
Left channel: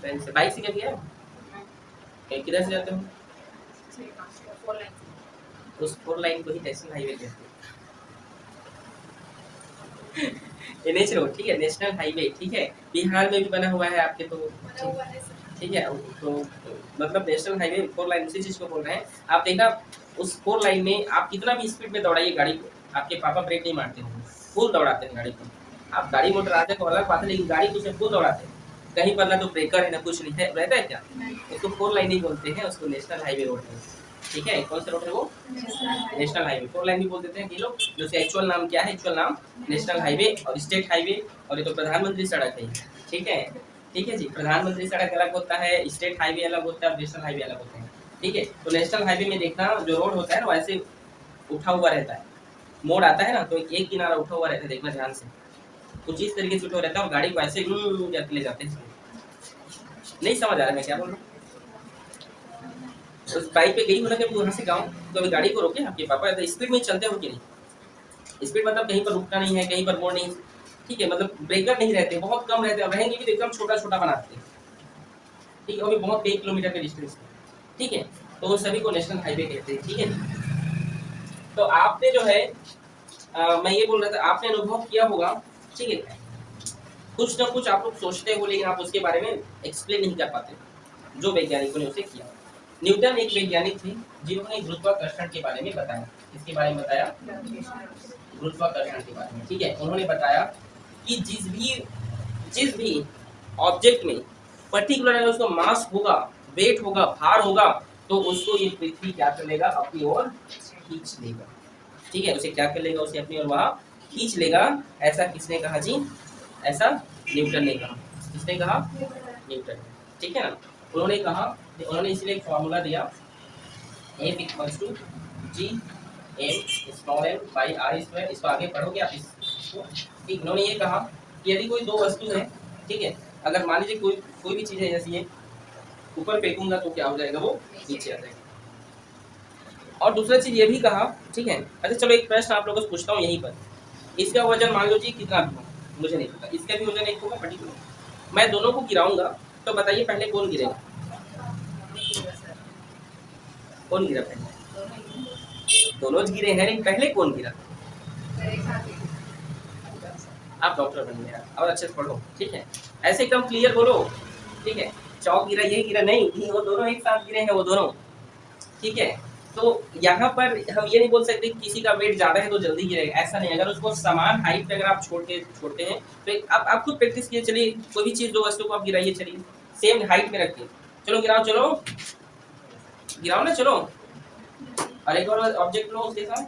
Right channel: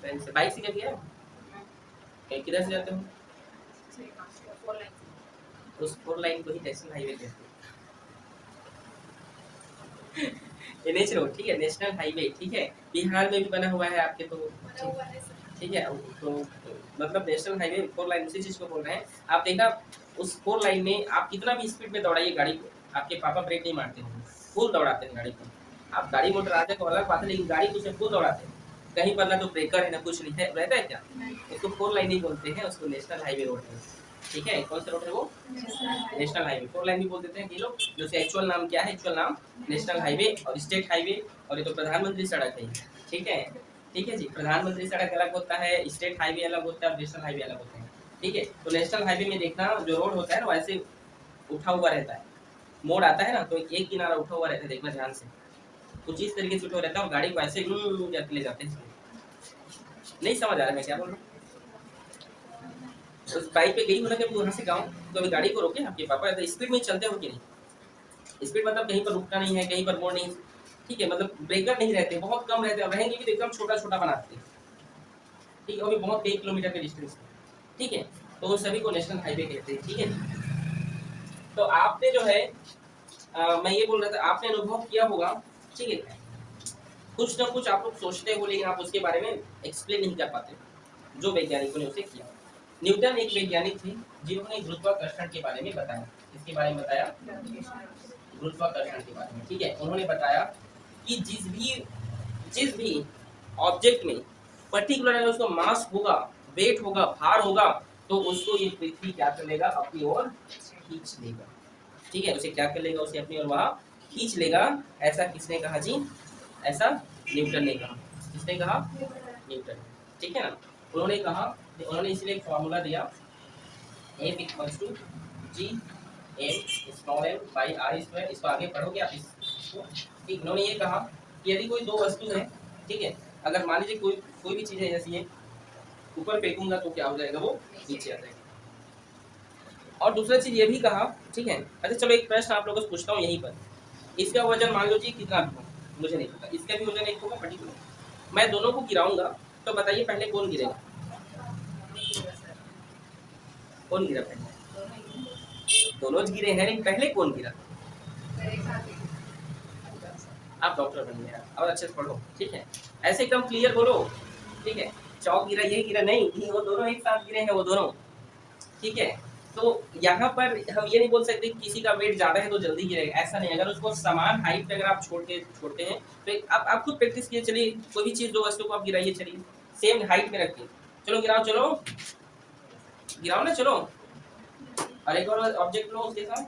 ट्रेन से। बाइक से कभी गए? किधर से जाते हो? उस 4 लाइन को ही नेशनल हाईवे कहते हैं। एनएच रोड, ठीक है, नेशनल हाईवे, ठीक है। बिहार में भी बना हुआ है आपके, तो ठीक है। तो मतलब नेशनल हाईवे 4 लाइन उसी चीज को बोल रहे हैं। आप देखा उस 4 लाइन में आप कितना भी स्पीड में दौड़ाइए गाड़ी को, आपके पापा ब्रेक नहीं मारते हैं, फुल दौड़ाते हैं गाड़ी को। आप गाड़ी मोटर आते तो अलग बात है, लेकिन गाड़ी को सिर्फ फुल दौड़ाते हैं। कहीं पर ना तो ब्रेकर है ना कुछ नहीं है, रहता है क्या? उसको 4 लाइन ही बोलते हैं, उसको नेशनल हाईवे रोड है, ठीक है। कौन सा रोड है वो? National highway. 4 लाइन भी बोल देते हैं कि लोग, जो एक्चुअल नाम क्या है? एक्चुअल नाम नेशनल हाईवे और स्टेट हाईवे, और ये तो प्रधानमंत्री सड़क है, ठीक है। ठीक है जी, प्रधानमंत्री सड़क अलग होता है, स्टेट हाईवे अलग होता है और नेशनल हाईवे अलग होता है, ठीक है। तो नेशनल हाईवे में देखना जो रोड होता है ना वैसे उठा हुआ रहता है, मोड़ आता है ना तो एक किनारा उठा हुआ रहता है, देखना ध्यान से, कुछ इस तरीके से उठा रहता है और गाड़ी को ऐसे करके ले जाते हैं। नहीं समझ आ रहा मैं क्या बोल रहा हूँ? उस बाइक पे गई हो ना कभी वहाँ से गाँव, तो अभी गाड़ी को रोके आपके पापा, तो स्पीड में चलते हो कि नहीं? स्पीड मतलब कहीं पर रुकना नहीं है, कहीं पर मोड़ नहीं, ठीक है। मतलब ब्रेकर नहीं रहते, बहुत कम रहते हैं, रहेंगे भी तो एकदम छोटा छोटा बनाते हैं, ठीक है। वो भी बहुत 1 किलोमीटर के डिस्टेंस, ठीक है। तो वो सभी को नेशनल हाईवे कहते हैं, ठीक है। तो आपने जो है मैं ये बोल रहा था, आपने अनुभव किया होगा, ठीक है। कुछ ना कुछ आप लोग सोचते हो लेकिन आप उसके बारे में एक्सप्लेन नहीं कर पाते, जो वैज्ञानिकों ने उसे किया। न्यूटन एक वैज्ञानिक थे जिन्होंने गुरुत्वाकर्षण के बारे में बताया। इसके बारे में बताया? गुरुत्वाकर्षण के बारे में, ठीक है। उन्होंने बताया कि जिस भी ऑब्जेक्ट में पर्टिकुलर है उसका मास होगा, वेट होगा, भार होगा, तो उसको ये पृथ्वी क्या कर लेगा? अपनी ओर खींच लेगा, ठीक है। उसे क्या कर लेगा? उसे अपनी ओर वहां खींच लेगा। ऐसा किसने कहा जी? ऐसा न्यूटन ने कहा। किसने कहा? न्यूटन, ठीक है ना। उन्होंने कहा, उन्होंने इसलिए एक फॉर्मूला दिया, F equals to G M small M by R square. इसको आगे पढ़ोगे आप इसको, ठीक। उन्होंने ये कहा कि यदि कोई दो वस्तु है, ठीक है, अगर मान लीजिए कोई भी चीज़ है, जैसे ये ऊपर फेंकूंगा तो क्या हो जाएगा? वो नीचे आ जाएगा। और दूसरा चीज़ ये भी कहा, ठीक है। अच्छा चलो एक प्रश्न आप लोगों से पूछता हूँ यहीं पर, इसका वजन मान लो जी कितना भी हो, मुझे नहीं पता, इसका भी वजन एक होगा पर्टिकुलर। मैं दोनों को गिराऊंगा, तो बताइए पहले कौन गिरेगा? कौन गिरा पहले? दोनों गिरे हैं, लेकिन पहले कौन गिरा? आप डॉक्टर बनिए और अच्छे से पढ़ो, ठीक है। ऐसे एकदम क्लियर बोलो, ठीक है। चौक गिरा, ये गिरा नहीं, वो दोनों एक साथ गिरे हैं, वो दोनों, ठीक है। तो यहाँ पर हम ये नहीं बोल सकते कि किसी का वेट ज़्यादा है तो जल्दी गिरेगा, ऐसा नहीं। अगर उसको समान हाइट पे अगर आप छोड़ते हैं तो आप खुद प्रैक्टिस कीजिए। चलिए कोई भी चीज़, दो वस्तु को आप गिराइए, चलिए सेम हाइट में रखिए, चलो गिराओ, चलो गिराओ ना, चलो। और एक और ऑब्जेक्ट लो, उसके साथ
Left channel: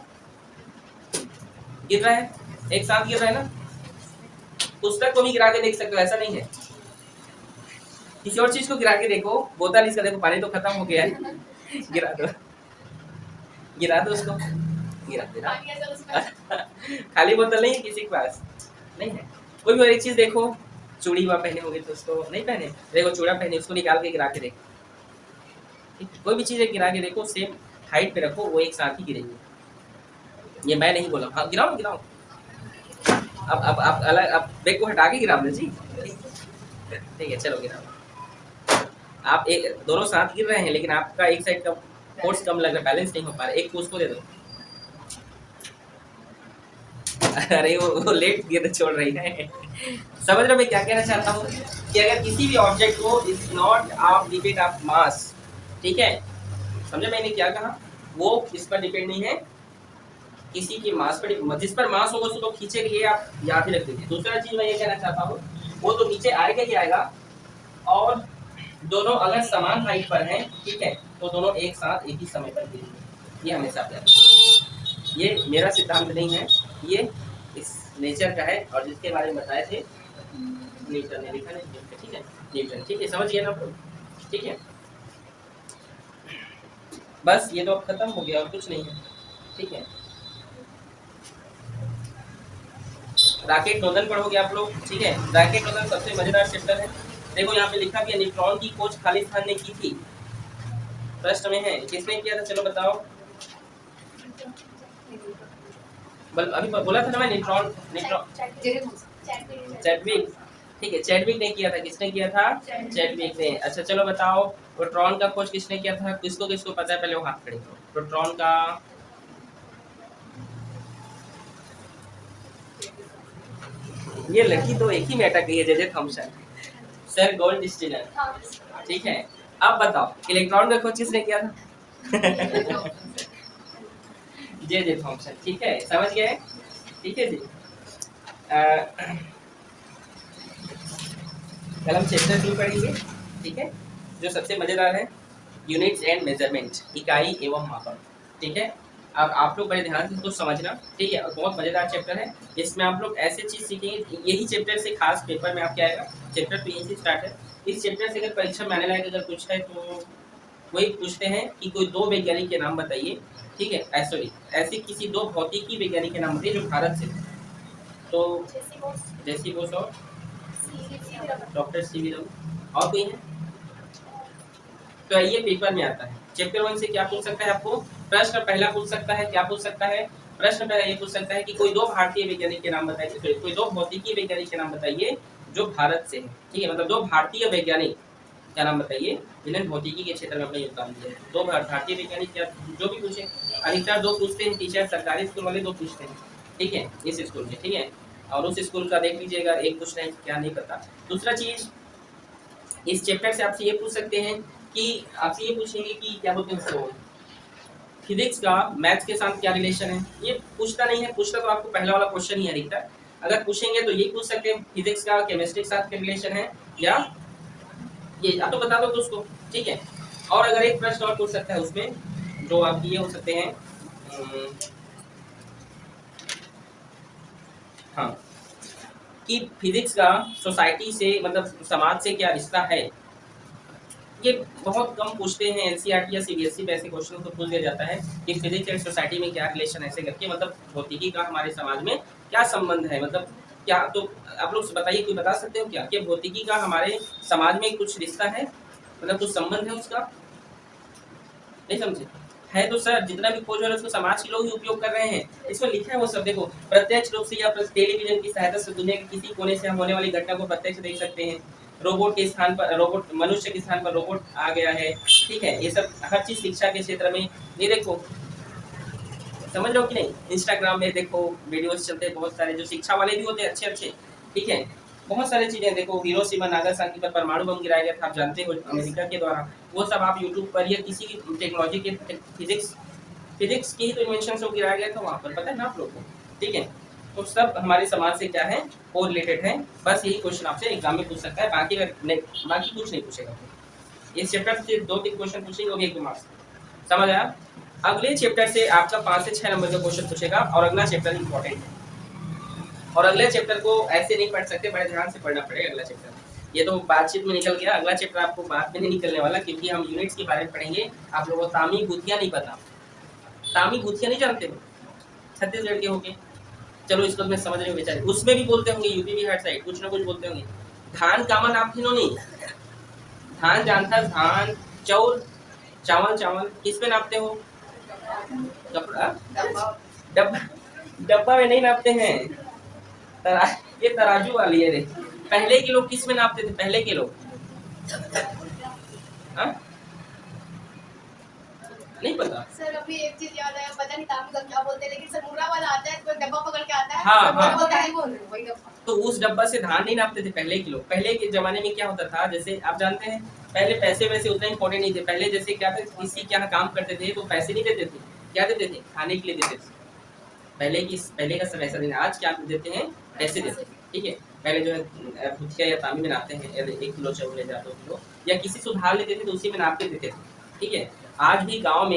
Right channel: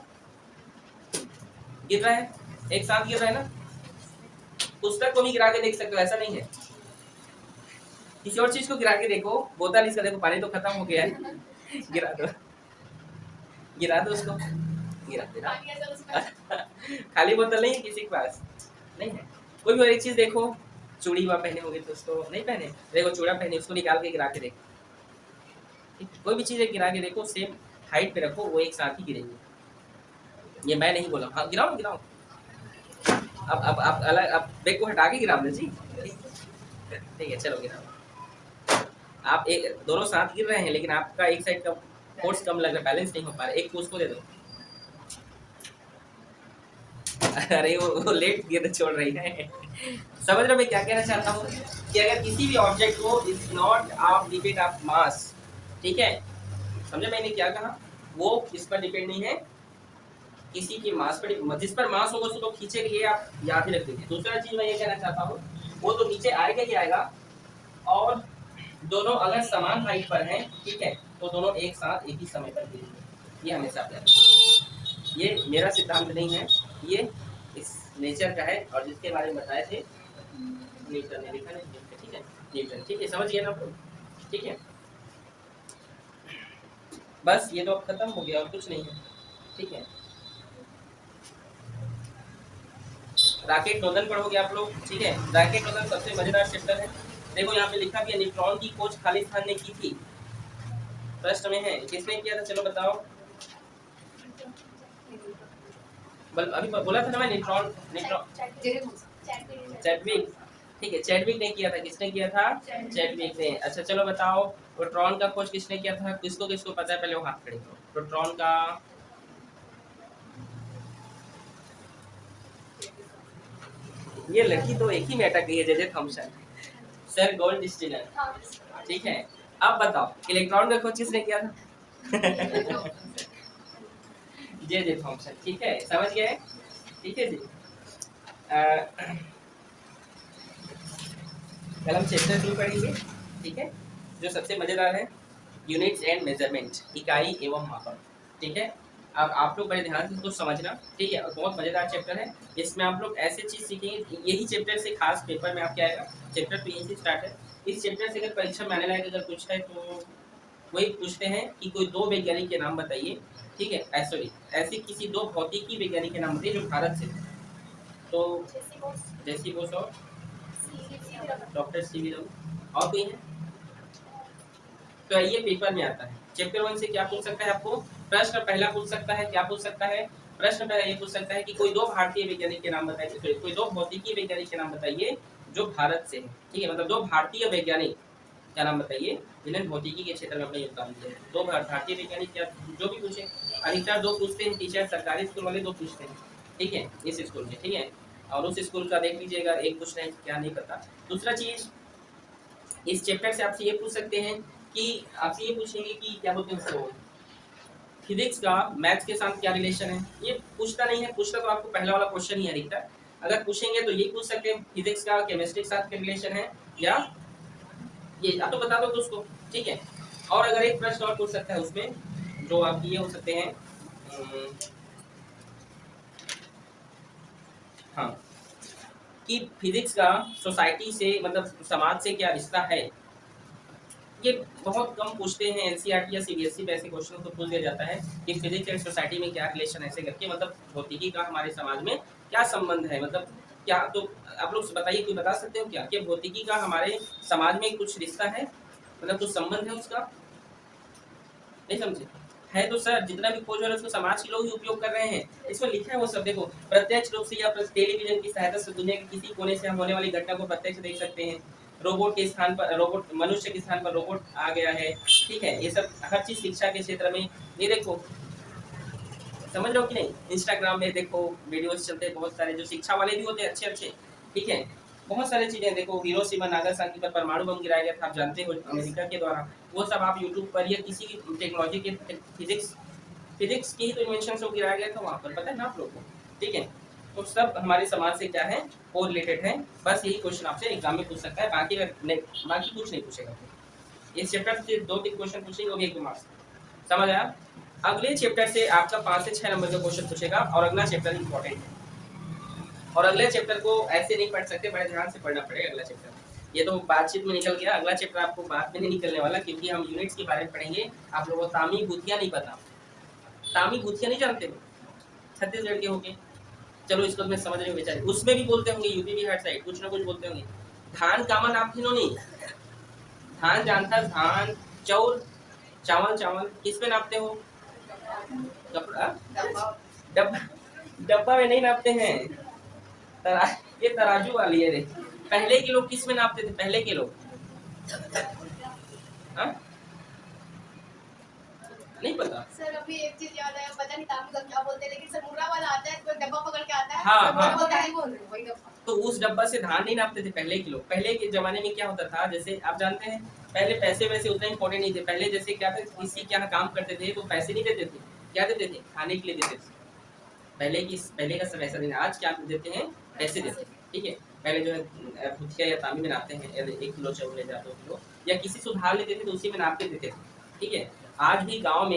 गिर रहा है, एक साथ गिर रहा है ना, पुस्तक को भी गिरा के देख सकते हो, ऐसा नहीं है। किसी और चीज को गिरा के देखो, बोतल इसका देखो, पानी तो खत्म हो गया है, गिरा दो, गिरा दो उसको, गिरा दे। खाली बोतल नहीं है किसी के पास, नहीं है। कोई भी और एक चीज देखो, चूड़ी वहाँ पहने होगे तो उसको नहीं पहने, देखो चूड़ा पहने, उसको निकाल के गिरा के देखो, कोई भी चीज गिरा के देखो, सेम हाइट पे रखो, वो एक साथ ही गिरेगी। ये मैं नहीं बोला, हाँ गिराओ गिराओ। अब आप अलग, अब बैग को हटा के गिरा जी, ठीक है, चलो गिराओ। आप एक दोनों साथ गिर रहे हैं, लेकिन आपका एक साइड का फोर्स कम लग रहा है, बैलेंस नहीं हो पा रहा है, एक को उसको दे दो। अरे वो लेट गिर छोड़ रही है। समझ रहे मैं क्या कहना चाहता हूँ कि अगर किसी भी ऑब्जेक्ट को is not of depend of mass, ठीक है, समझे मैंने क्या कहा? वो इस पर डिपेंड नहीं है, किसी की मास पर, जिस पर मास होगा उसको तो खींचेगा, ये आप याद ही रख लीजिए। दूसरा चीज मैं ये कहना चाहता हूँ, वो तो नीचे आएगा ही आएगा, और दोनों अगर समान हाइट पर हैं, ठीक है, तो दोनों एक साथ एक ही समय पर गिरेंगे, ये हमेशा याद रखिए। ये मेरा सिद्धांत नहीं है, ये इस नेचर का है, और जिसके बारे में बताए थे न्यूटन ने लिखा है, ठीक है, न्यूटन, ठीक है, समझिए ना, ठीक है। बस ये तो अब खत्म हो गया और कुछ नहीं है, ठीक है। राकेट नोदन पढ़ोगे आप लोग, ठीक है। राकेट नोदन सबसे मजेदार चैप्टर है। देखो यहाँ पे लिखा कि न्यूट्रॉन की खोज खालिस्तान ने की थी, प्रश्न में है किसने किया था, चलो बताओ। अभी बोला था ना मैं, न्यूट्रॉन चैडविक, ठीक है, चैडविक ने किया था। किसने किया था? चैडविक ने। अच्छा चलो बताओ, प्रोटॉन का खोज किसने किया था? किसको किसको पता है? पहले वो हाथ खड़े करो। प्रोटॉन का, ये लड़की तो एक ही में अटक गई है, J Thomson, sir gold distiller, ठीक है। अब बताओ इलेक्ट्रॉन का खोज किसने किया था? जे थॉमसन, ठीक है, समझ गए, ठीक है जी। कल हम चैप्टर 2 पढ़ेंगे, ठीक है, जो सबसे मजेदार है, यूनिट्स एंड मेजरमेंट, इकाई एवं मापन, ठीक है। अब आप लोग बड़े ध्यान से इसको समझना, ठीक है, और बहुत मजेदार चैप्टर है। इसमें आप लोग ऐसे चीज सीखेंगे, यही चैप्टर से खास पेपर में आपके आएगा। चैप्टर तो यही से स्टार्ट है। इस चैप्टर से अगर परीक्षा में आने लायक अगर कुछ है तो वही पूछते हैं कि कोई दो वैज्ञानिक के नाम बताइए, ठीक है, सॉरी, ऐसे किसी दो भौतिकी वैज्ञानिक के नाम बताइए जो भारत से। तो जैसी बोस और डॉक्टर सी.वी. रमन, और कोई है? तो ये पेपर में आता है। चैप्टर 1 से क्या पूछ सकता है आपको? प्रश्न पहला पूछ सकता है, क्या पूछ सकता है? प्रश्न पहला ये पूछ सकता है कि कोई दो भारतीय वैज्ञानिक के नाम बताइए, कोई दो भौतिकी वैज्ञानिक के नाम बताइए जो भारत से है, ठीक है, मतलब दो भारतीय वैज्ञानिक क्या नाम बताइए जिन्होंने भौतिकी के क्षेत्र में अपना योगदान दिया है। दो भारतीय वैज्ञानिक, क्या जो भी पूछे, अधिकतर दो पूछते हैं टीचर, सरकारी स्कूल वाले दो पूछते हैं, ठीक है, इस स्कूल में, ठीक है, और उस स्कूल का देख लीजिएगा, एक पूछ रहे हैं क्या नहीं पता। दूसरा चीज, इस चैप्टर से आपसे ये पूछ सकते हैं कि आपसे ये पूछेंगे कि क्या बोलते हैं उसको, फिजिक्स का मैथ्स के साथ क्या रिलेशन है। ये पूछता नहीं है, पूछता तो आपको पहला वाला क्वेश्चन ही है अधिकतर। अगर पूछेंगे तो ये पूछ सकते हैं फिजिक्स का केमिस्ट्री के साथ क्या रिलेशन है, या ये आप तो बता दो तो उसको, ठीक है। और अगर एक प्रश्न और पूछ सकता है उसमें, जो आप ये हो सकते हैं, हाँ, कि फिजिक्स का सोसाइटी से मतलब समाज से क्या रिश्ता है। ये बहुत कम पूछते हैं, एनसीईआरटी या सीबीएसई में ऐसे क्वेश्चन को पूछ दिया जाता है कि फिजिक्स एंड सोसाइटी में क्या रिलेशन, ऐसे करके, मतलब भौतिकी का हमारे समाज में क्या संबंध है, मतलब क्या। तो आप लोग बताइए, कोई बता सकते हो क्या कि भौतिकी का हमारे समाज में कुछ रिश्ता है, मतलब कुछ संबंध है उसका? नहीं समझे? है तो सर, जितना भी खोज हो रहा है उसको समाज के लोग ही उपयोग कर रहे हैं। इसमें लिखा है वो सब, देखो, प्रत्यक्ष रूप से या टेलीविजन की सहायता से दुनिया के किसी कोने से हम होने वाली घटना को प्रत्यक्ष देख सकते हैं। रोबोट के स्थान पर रोबोट, मनुष्य के स्थान पर रोबोट आ गया है, ठीक है, ये सब हर चीज शिक्षा के क्षेत्र में। ये देखो, समझ लो कि नहीं, इंस्टाग्राम में देखो वीडियोस चलते हैं बहुत सारे, जो शिक्षा वाले भी होते हैं अच्छे अच्छे, ठीक है, बहुत सारी चीजें देखो, हिरोशिमा नागासाकी पर परमाणु बम गिराया गया था, आप जानते हो, अमेरिका के द्वारा। वो सब आप यूट्यूब पर या किसी भी टेक्नोलॉजी के फिजिक्स की ही तो इन्वेंशन से गिराया गया था वहाँ पर, पता है ना आप लोग को, ठीक है। तो सब हमारे समाज से क्या है, को रिलेटेड है। बस यही क्वेश्चन आपसे एग्जाम में पूछ सकता है, बाकी बाकी कुछ नहीं पूछेगा। इस चैप्टर से 2-3 क्वेश्चन पूछेंगे, वो भी 1 मार्क्स, समझ आया? अगले चैप्टर से आपका 5 से 6 नंबर का क्वेश्चन पूछेगा, और अगला चैप्टर इंपॉर्टेंट है, और अगले चैप्टर को ऐसे नहीं पढ़ सकते, बड़े ध्यान से पढ़ना पड़ेगा अगला चैप्टर। ये तो बातचीत में निकल गया, अगला चैप्टर आपको बात में नहीं निकलने वाला, क्योंकि हम यूनिट्स के बारे में पढ़ेंगे। आप लोगों को तामी भूतिया नहीं पता, तामी भूतिया नहीं जानते हो, छत्तीसगढ़ के होंगे, चलो इसको मैं समझ रही हूँ बेचारे, उसमें भी बोलते होंगे, यूपी बिहार साइड कुछ ना कुछ बोलते होंगे। धान कामन आप तीनों नहीं, धान जानता, धान, चौर, चावल, चावल किस पे नापते हो? कपड़ा, डब्बा, डब्बा में नहीं नापते हैं, ये तराजू वाली है रे। पहले के लोग किस में नापते थे? पहले के लोग, हाँ, नहीं पता सर। अभी एक चीज याद आया, पता नहीं ताम का क्या बोलते हैं, लेकिन सर मुरा वाला आता है तो डब्बा पकड़ के आता है। हाँ, हाँ। बोलता है वही डब्बा। तो उस डब्बा से धान नहीं नापते थे पहले के लोग। पहले के जमाने में क्या होता था, जैसे आप जानते हैं, पहले पैसे वैसे उतना इंपॉर्टेंट नहीं थे। पहले जैसे क्या था, किसी के यहाँ काम करते थे तो पैसे नहीं देते थे, क्या देते थे? खाने के लिए देते थे। पहले का समय ऐसा नहीं। आज क्या देते हैं? पैसे देते हैं, ठीक है। पहले जो है भुजिया या तांबे में नापते हैं, 1 किलो चावल ले जाते 2 किलो, या किसी से उधार लेते थे तो उसी में नापते देते थे, ठीक है। आज भी गांव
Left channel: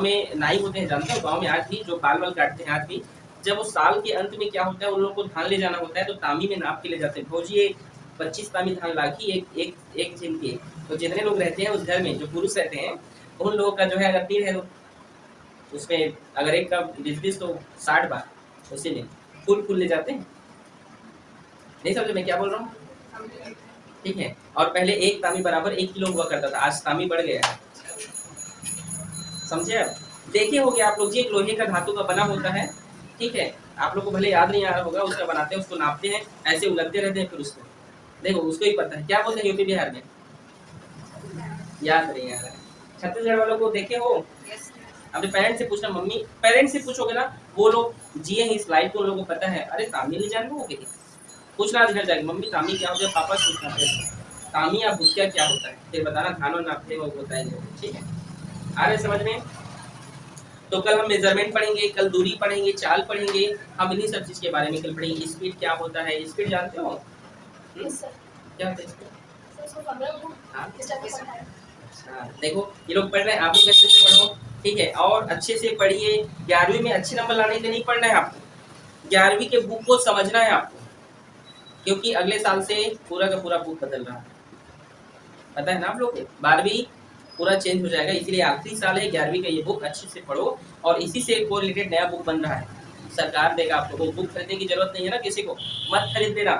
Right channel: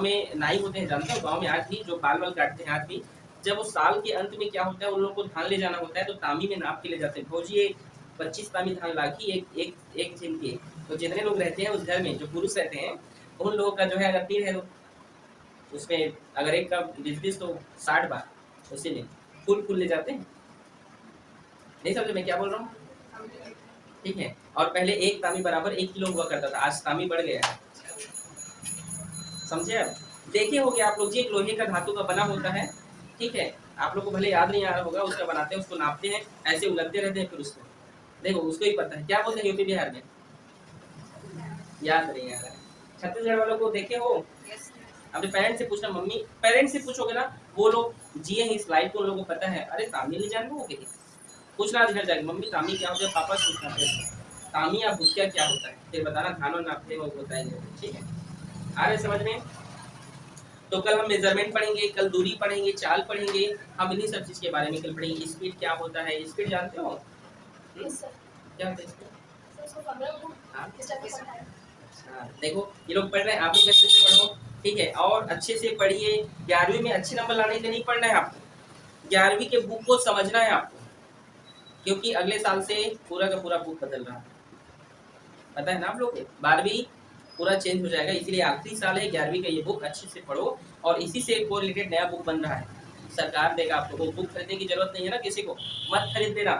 में नाई होते हैं, जानते हो, गांव में आज भी जो बाल वाल काटते हैं, आज भी जब वो साल के अंत में क्या होता है, उन लोगों को धान ले जाना होता है, तो तामी में नाप के ले जाते हैं। भौजी 25 तामी धान लाखी एक दिन के। तो जितने लोग रहते हैं उस घर में, जो पुरुष रहते हैं, उन लोगों का जो है, अगर 3 है तो उसमें अगर एक का 20 तो 60 बार उसी में फूल ले जाते हैं। नहीं समझे मैं क्या बोल रहा हूँ, ठीक है। और पहले एक तामी बराबर 1 किलो हुआ करता था, आज तामी बढ़ गया है, समझे आप? देखे होंगे आप लोग जी, एक लोहे का धातु का बना होता है, ठीक है, आप लोग को भले याद नहीं आ रहा होगा, उसका बनाते हैं, उसको नापते हैं, ऐसे उलटते रहते हैं, फिर उसको देखो, उसको ही पता है क्या बोलते हैं यूपी बिहार में, याद नहीं आ रहा है। छत्तीसगढ़ वालों को देखे हो, अपने पेरेंट्स से पूछना, मम्मी पेरेंट्स से पूछोगे ना, वो लोग जिए हैं इस लाइफ को, उन लोगों को पता है। अरे तामी नहीं जान लोगे, पूछना इधर जाके, मम्मी तामी क्या होता है, पापा से पूछना फिर तामी या भुतिया क्या होता है, फिर बताना, खाना नापते वो बताएंगे, ठीक है। आ रहे समझ में? तो कल हम मेजरमेंट पढ़ेंगे, कल दूरी पढ़ेंगे, चाल पढ़ेंगे, हम इन्हीं सब चीज़ के बारे में कल पढ़ेंगे। स्पीड क्या होता है, स्पीड जानते हो? Yes sir. क्या होता है स्पीड? सर इसको 15 को हाँ इस टाइप का पढ़ा है। हाँ, देखो ये लोग पढ़ रहे हैं, आप लोग अच्छे से पढ़ो, ठीक है, और अच्छे से पढ़िए। 11वीं में अच्छे नंबर लाने के लिए नहीं पढ़ना है आपको, 11वीं के बुक को समझना है आपको, क्योंकि अगले साल से पूरा का पूरा बुक बदल रहा है, पता है ना आप लोग को? 12वीं पूरा चेंज हो जाएगा, इसलिए आखिरी साल है 11वीं का, ये बुक अच्छे से पढ़ो, और इसी से कोरिलेटेड नया बुक बन रहा है, सरकार देगा आप लोगों को। बुक खरीदने की जरूरत नहीं है ना किसी को, मत खरीद देना,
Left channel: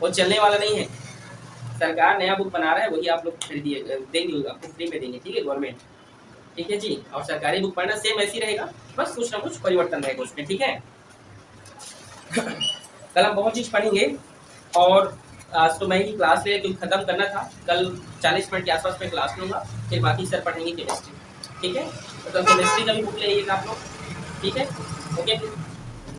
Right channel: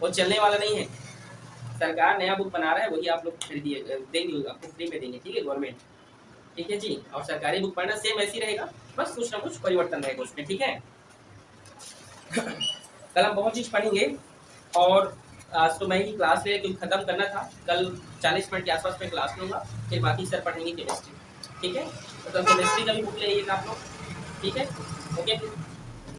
वो चलने वाला नहीं है। सरकार नया बुक बना रहा है, वही आप लोग खरीदिए, देंगे आपको, फ्री में देंगे, ठीक है, गवर्नमेंट, ठीक है जी। और सरकारी बुक पढ़ना सेम ऐसी रहेगा, बस कुछ ना कुछ परिवर्तन रहेगा उसमें, ठीक है। कल हम बहुत चीज़ पढ़ेंगे, और आज तो मैं ही क्लास ले क्योंकि ख़त्म करना था, कल 40 मिनट के आसपास में क्लास लूँगा, फिर बाकी सर पढ़ेंगे केमिस्ट्री, ठीक है। तो केमिस्ट्री का भी बुक ले लीजिएगा आप लोग, ठीक है, ओके।